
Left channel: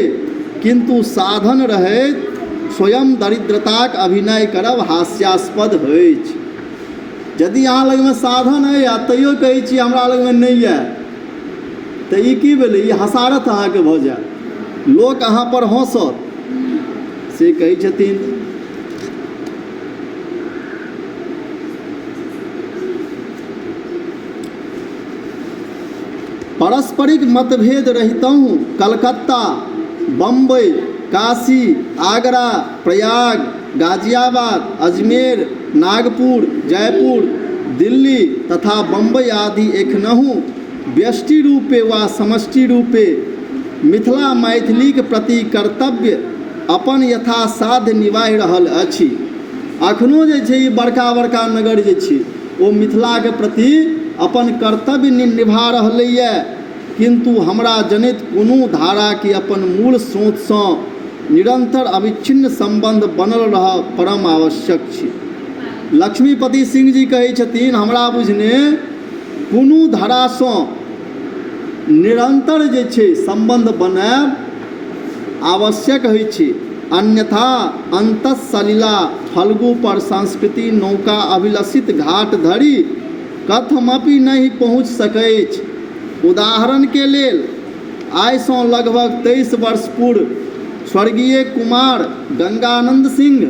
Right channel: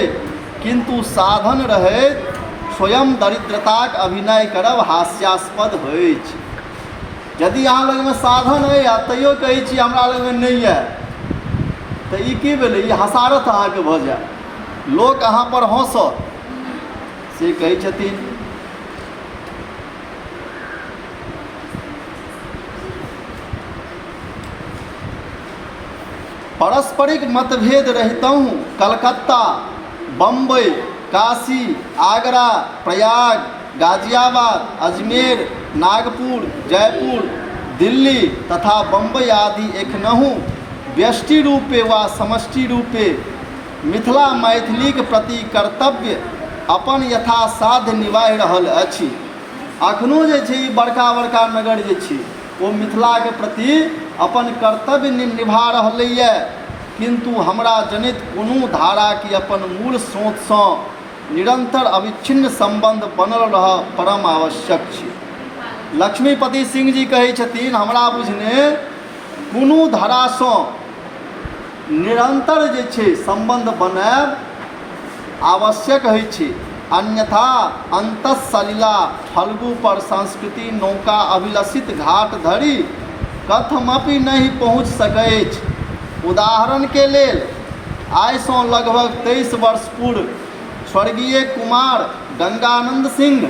किंतु साधन रहैत स्वयं दरिद्रताक अभिनय करब हास्यास्पद होइछ। यदि अहाँ लगमे साधन अइ आ तैयो कहै छी हमरा लगमे नहीं अइ, तऽ ई की भेलै? ई हसारत अहाँके भऽ जायत, लोक अहाँ पर हँसत, से कहै छथिन। पारस्परिक मतभेद रहितहु कलकत्ता, बम्बई, काशी, आगरा, प्रयाग, गाजियाबाद, अजमेर, नागपुर, जयपुर, दिल्ली तथा बम्बई आदि एखनहु व्यष्टि रूपे वा समष्टि रूपे मिथिला मैथिलीक प्रति कर्तव्य अपन यथासाध्य निभाइ रहल अछि। अखनो जे छै ई बड़का बड़का नगर जे छै ओ मिथिलाके प्रति अपन कर्तव्य निभा रहलैए। किंतु हमरा जनित कोनो धारा के अपन मूल स्रोतसँ निरंतर अविच्छिन्न संबंध बनल रहब परम आवश्यक छै। लक्ष्मीपति सिंह जी कहै छथिन, हमरा बुझने कोनो धारासँ निरंतर जे छै संबंध बनाएब आवश्यक होइ छै, अन्यथा अंतःसलिला फल्गु पर संस्कृति नौका अभिलषित घाट धरि कथमपि नहीं पहुँच सकैछ। उदाहरण के लेल आइसँ लगभग 23 वर्ष पूर्व स्वर्गीय कुमार गंगानंद सिंह,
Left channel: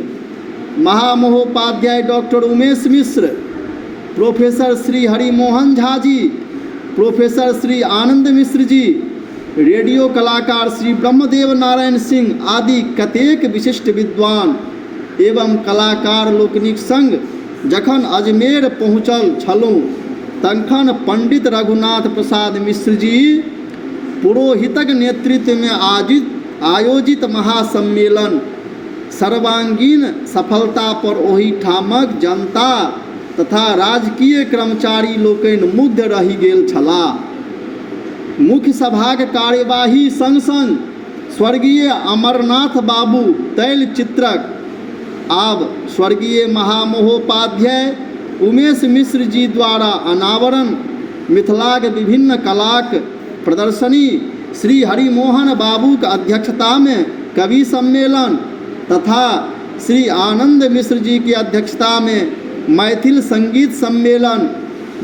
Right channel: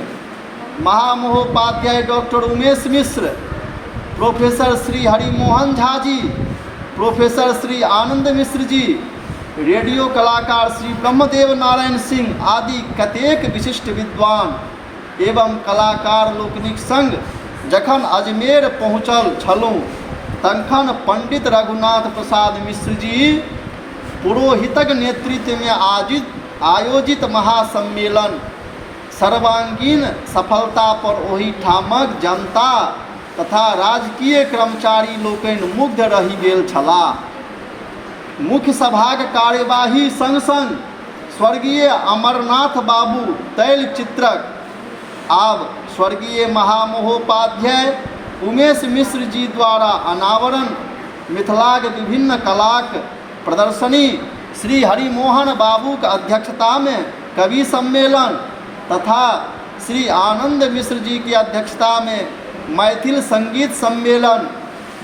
महामहोपाध्याय doctor Umesh Mishra, professor Shri Harimohan Jha ji, professor Shri Anand Mishra ji, radio कलाकार श्री ब्रह्मदेव नारायण सिंह आदि कतेक विशिष्ट विद्वान एवं कलाकार लोकनिक संग जखन अजमेर पहुँचल छलहुँ तखन पंडित रघुनाथ प्रसाद मिश्र जी पुरोहितक नेतृत्व में आयोजित महासम्मेलन सर्वांगीण सफलता पर ओही ठामक जनता तथा राजकीय कर्मचारी लोकनि मुग्ध रहि गेल छलाह। मुख्य सभाक कार्यवाही संग संग स्वर्गीय अमरनाथ बाबू तैलचित्रक आब स्वर्गीय महामहोपाध्याय उमेश मिश्र जी द्वारा अनावरण मिथिलाक विभिन्न कलाक प्रदर्शनी, श्री हरिमोहन बाबूक अध्यक्षता में कवि सम्मेलन तथा श्री आनंद मिश्र जी की अध्यक्षता में मैथिल संगीत सम्मेलन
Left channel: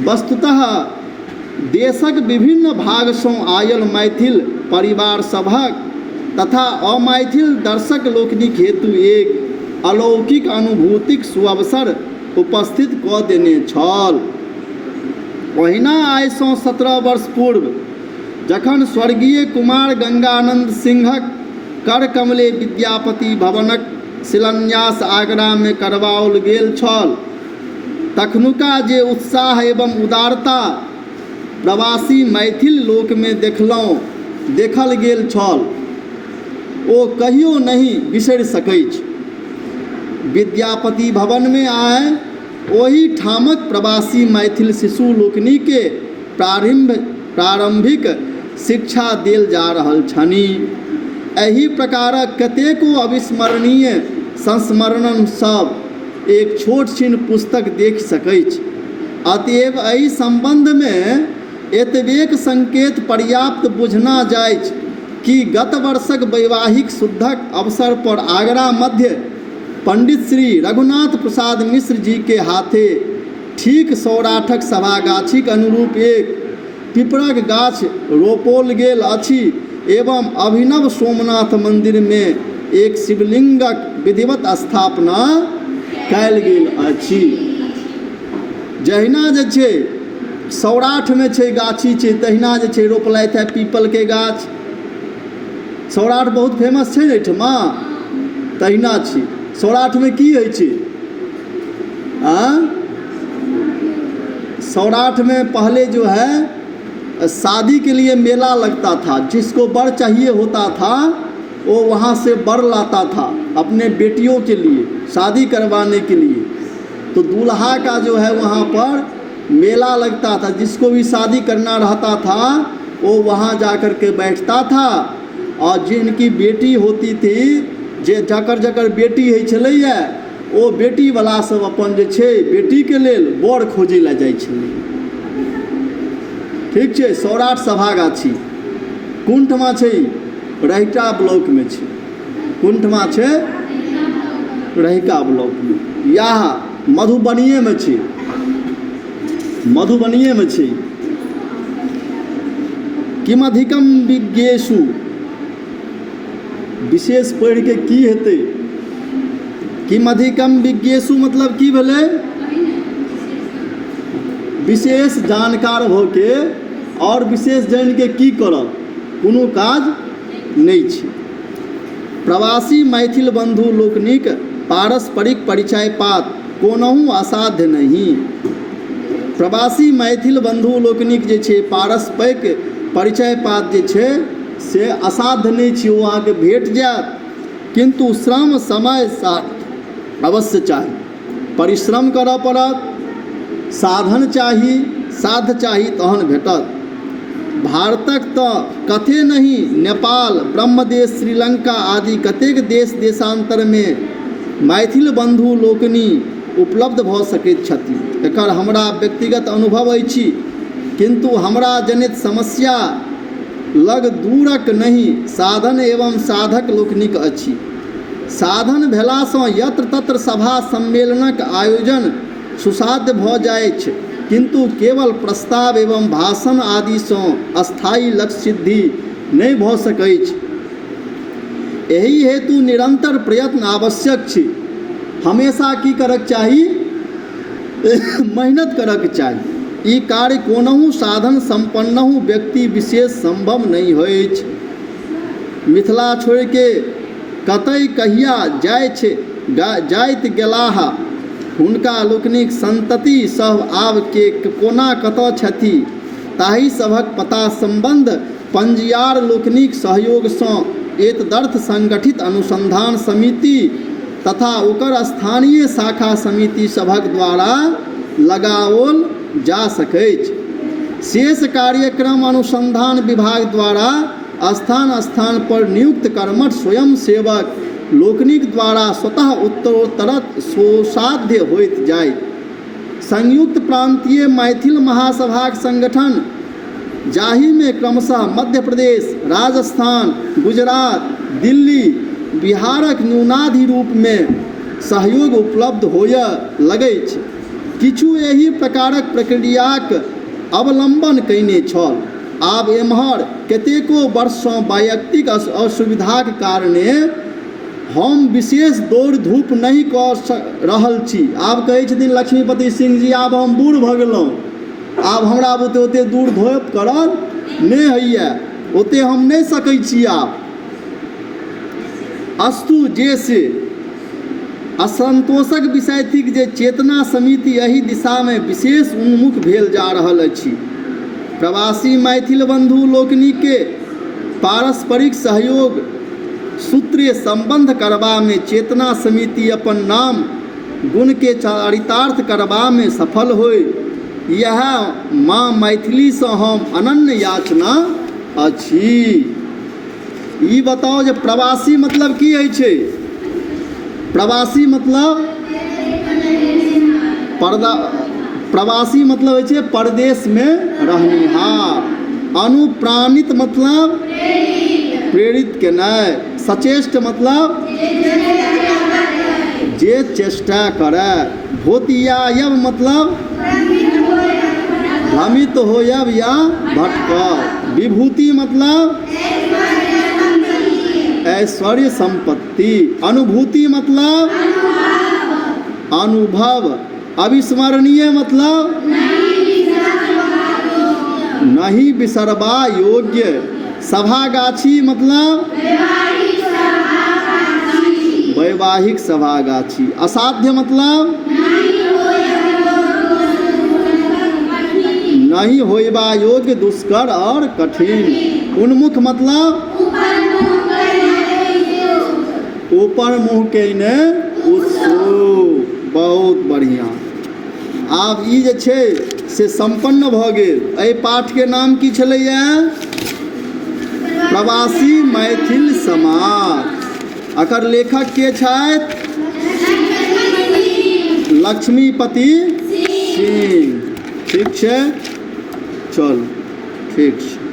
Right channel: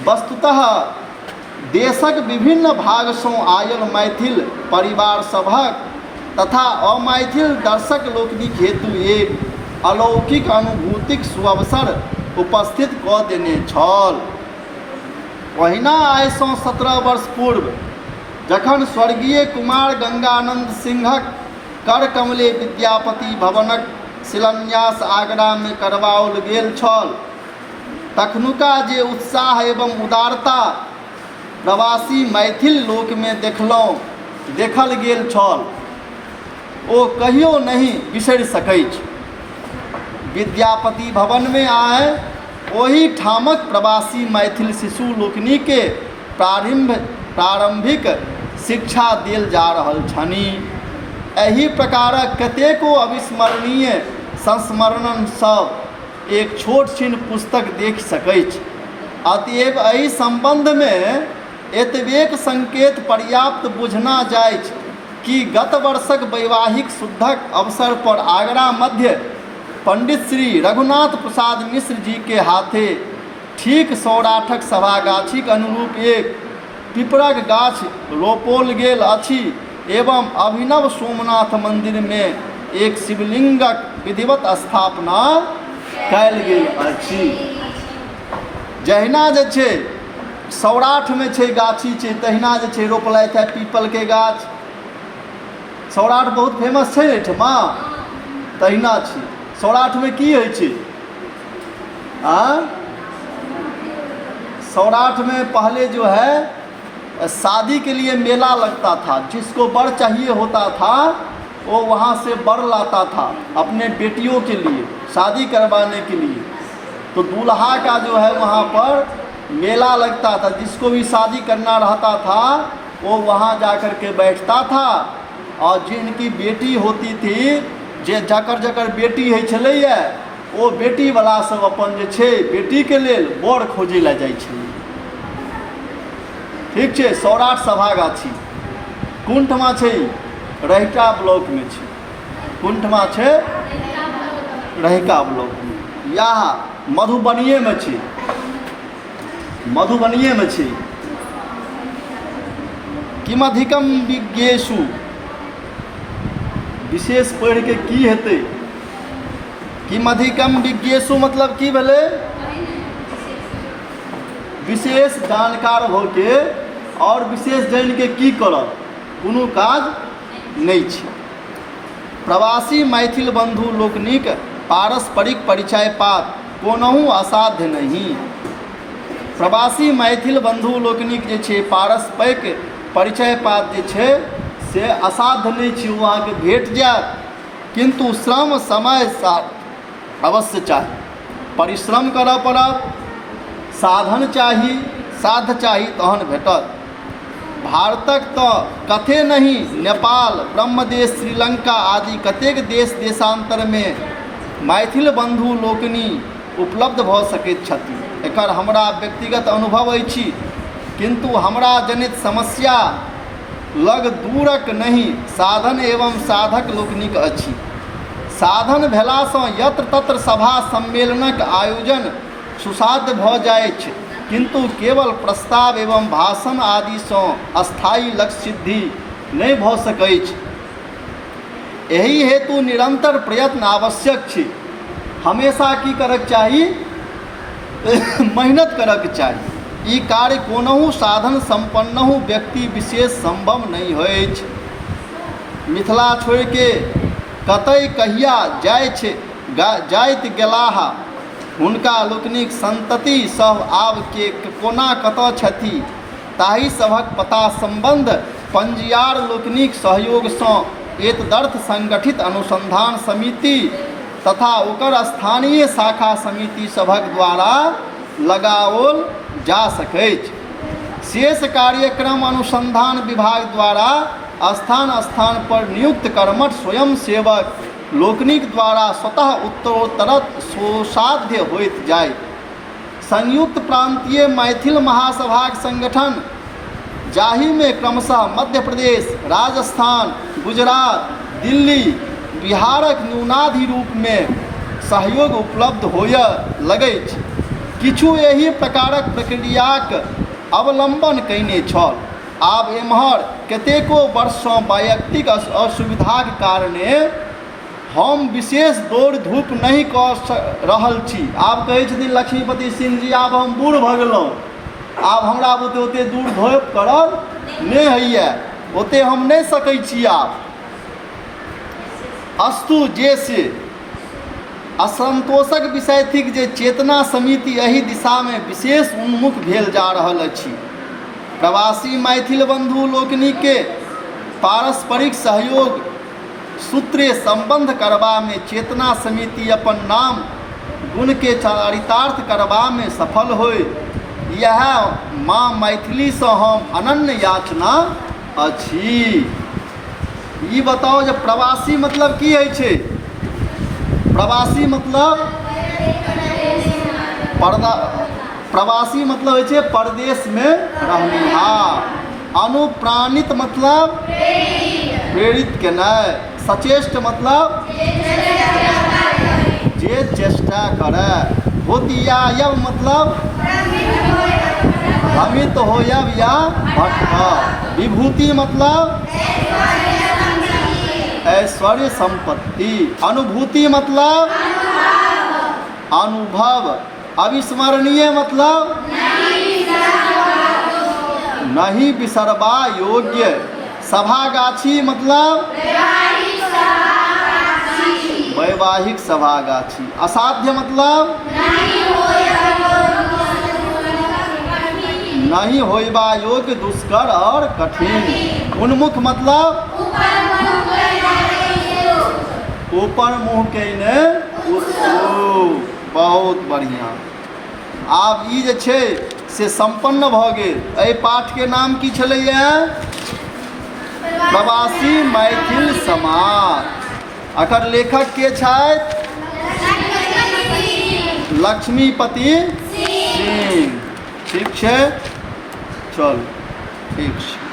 वस्तुतः देशक विभिन्न भाग सँ आयल मैथिल परिवार सभक तथा अमैथिल दर्शक लोकनिक हेतु एक अलौकिक अनुभूतिक सुअवसर उपस्थित कऽ देने छल। ओहिना आइ सँ 17 वर्ष पूर्व जखन स्वर्गीय कुमार गंगानंद सिंहक कर कमले विद्यापति भवनक शिलान्यास आगरा में करवाओल गेल छल, तखनुका जे उत्साह एवं उदारता प्रवासी मैथिल लोक में देखल गेल छल ओ कहियो नहीं बिसरि सकैछ। विद्यापति भवन में आए ओही ठामक प्रवासी मैथिल शिशु लोकनि के प्रारंभिक शिक्षा देल जा रहल छनि। एही प्रकारक कतेको अविस्मरणीय संस्मरण सब एक छोट छिन पुस्तक देख सकैछ। अतएव एहि संबंध में एतबेक संकेत पर्याप्त बुझना जायछ कि गत वर्षक वैवाहिक शुद्धक अवसर पर आगरा मध्य पंडित श्री रघुनाथ प्रसाद मिश्र जी के हाथे ठीक सौराठक सभागाछीक अनुरूप एक पिपरक गाछ रोपल गेल अछि एवं अभिनव सोमनाथ मंदिर में एक शिवलिंगक विधिवत स्थापना कयल गेल अछि। जहिना जे छै सौराठ में छै गाछी छै, तहिना जे छै रोपलथि है पीपल के गाछ। सौराठ बहुत फेमस छै एहिठमा, तहिना छै। सौराठ में की होइ छै? सौराठ में पहले जो है शादी के लिए मेला लगता था, जिसको बर चाहिए होता था वो वहाँ से बर लाता था अपने बेटियों के लिए शादी करवाने के लिए। तो दूल्हा का जो है वहाँ पर मेला लगता था, जिसको भी शादी करना रहता था वो वहाँ जाकर के बैठता था। और जिनकी बेटी होती थी, जे जकर बेटी है छलैया ओ बेटी वाला सब अपन जे छै बेटी के लेल बर खोजै लए जाइ छलै। ठीक छै। सौराठ सभागाछी कुंठमा छै, रहिका ब्लॉक में छै। कुंठमा छै रहिका ब्लॉक में, या मधुबनिये में छै। मधुबनिये में छै। किमधिकम विज्ञेषु, विशेष पढ़ के की हेतै? किमधिकम विज्ञेषु मतलब की भेलै? विशेष जानकार भ के और विशेष जान के की करब, कोनो काज नहीं छै। प्रवासी मैथिल बंधु लोकनिक पारस्परिक परिचय पात कोनहु असाध्य नहीं। प्रवासी मैथिल बंधु लोकनिक जे छै पारस्परिक परिचय पात जे छै से असाध्य नहीं छै, वो अहाँके भेट जायत, किंतु श्रम समय अवश्य चाही। परिश्रम करऽ पड़त, साधन चाही, साध्य चाही तहन भेटत। भारतक तो कथे नहीं, नेपाल, ब्रह्मदेश, श्रीलंका आदि कतेक देश देशांतर में मैथिल बंधु लोकनि उपलब्ध भ सकैत छथि। एकर हमरा व्यक्तिगत अनुभव अछि, किंतु हमरा जनित समस्या लग दूरक नहीं साधन एवं साधक लोकनिक अछि। साधन भेलासँ यत्र तत्र सभा सम्मेलनक आयोजन सुसाध्य भ जाइत छै, किंतु केवल प्रस्ताव एवं भाषण आदि सँ अस्थायी लक्ष्य सिद्धि नहीं भ सकैछ। एहि हेतु निरंतर प्रयत्न आवश्यक छै। हमेशा की करक चाही? मेहनत करक चाही। ई कार्य कोनहु साधन संपन्नहु व्यक्ति विशेष संभव नहीं होइछ। मिथिला छोड़ के कतई कहिया जाइत गेलाह, हुनका लोकनिक संतति सब आब के कोना कतऽ छथि, ताहि सभक पता संबंध पंजियार लोकनिक सहयोग सँ एतदर्थ संगठित अनुसंधान समिति तथा ओकर स्थानीय शाखा समिति सभक द्वारा लगाओल जा सकैछ। शेष कार्यक्रम अनुसंधान विभाग द्वारा स्थान स्थान पर नियुक्त कर्मठ स्वयं सेवक लोकनिक द्वारा स्वतः उत्तरोत्तर सुसाध्य होइत जाय। संयुक्त प्रांतीय मैथिल महासभाक संगठन जाहि में क्रमशः मध्य प्रदेश, राजस्थान, गुजरात, दिल्ली, बिहारक न्यूनाधि रूप में सहयोग उपलब्ध होय लगैछ, किछु एहि प्रकारक प्रक्रियाक अवलंबन कयने छल। आब एम्हर कतेको वर्षसँ वैयक्तिक असुविधाक कारणे हम विशेष दौड़ धूप नहीं कऽ रहल छी। आब कहै छथिन लक्ष्मीपति सिंह जी, आब हम बूढ़ भऽ गेलहुँ, आब हमरा ओते दूर धूप करब नहि होइए, ओते हम नहि सकै छी। आब अस्तु, जे से असंतोषक विषय थिक जे चेतना समिति एहि दिशा में विशेष उन्मुख भेल जा रहल अछि। प्रवासी मैथिल बंधु लोकनि के पारस्परिक सहयोग सूत्रे संबंध करबा में चेतना समिति अपन नाम गुण के चरितार्थ करबा में सफल होय, यह माँ मैथिली से हम अनन्य याचना अछि। ई बताओ जे प्रवासी मतलब की है छे? प्रवासी मतलब प्रवासी मतलब है छे परदेश में रहनिहार। अनुप्राणित मतलब प्रेरित केनाय। सचेष्ट मतलब जे चेष्टा करे। भोतियायब मतलब भ्रमित होयब या भटकब। विभूति मतलब ऐश्वर्य संपत्ति। अनुभूति मतलब अनुभव। अविस्मरणीय मतलब नहीं बिसरबा योग्य। सभागाछी मतलब वैवाहिक सभागाछी। असाध्य मतलब नहीं होइबा योग्य, दुष्कर और कठिन। उन्मुख मतलब ऊपर मुँह कयने उत्सुक। बहुत बढ़िया। आब ई जे छै से संपन्न भऽ गेल। एहि पाठ के नाम की छलैया? प्रवासी मैथिल समाज। एकर लेखक के छथि? लक्ष्मीपति सिंह। ठीक छै, चल ठीक छै।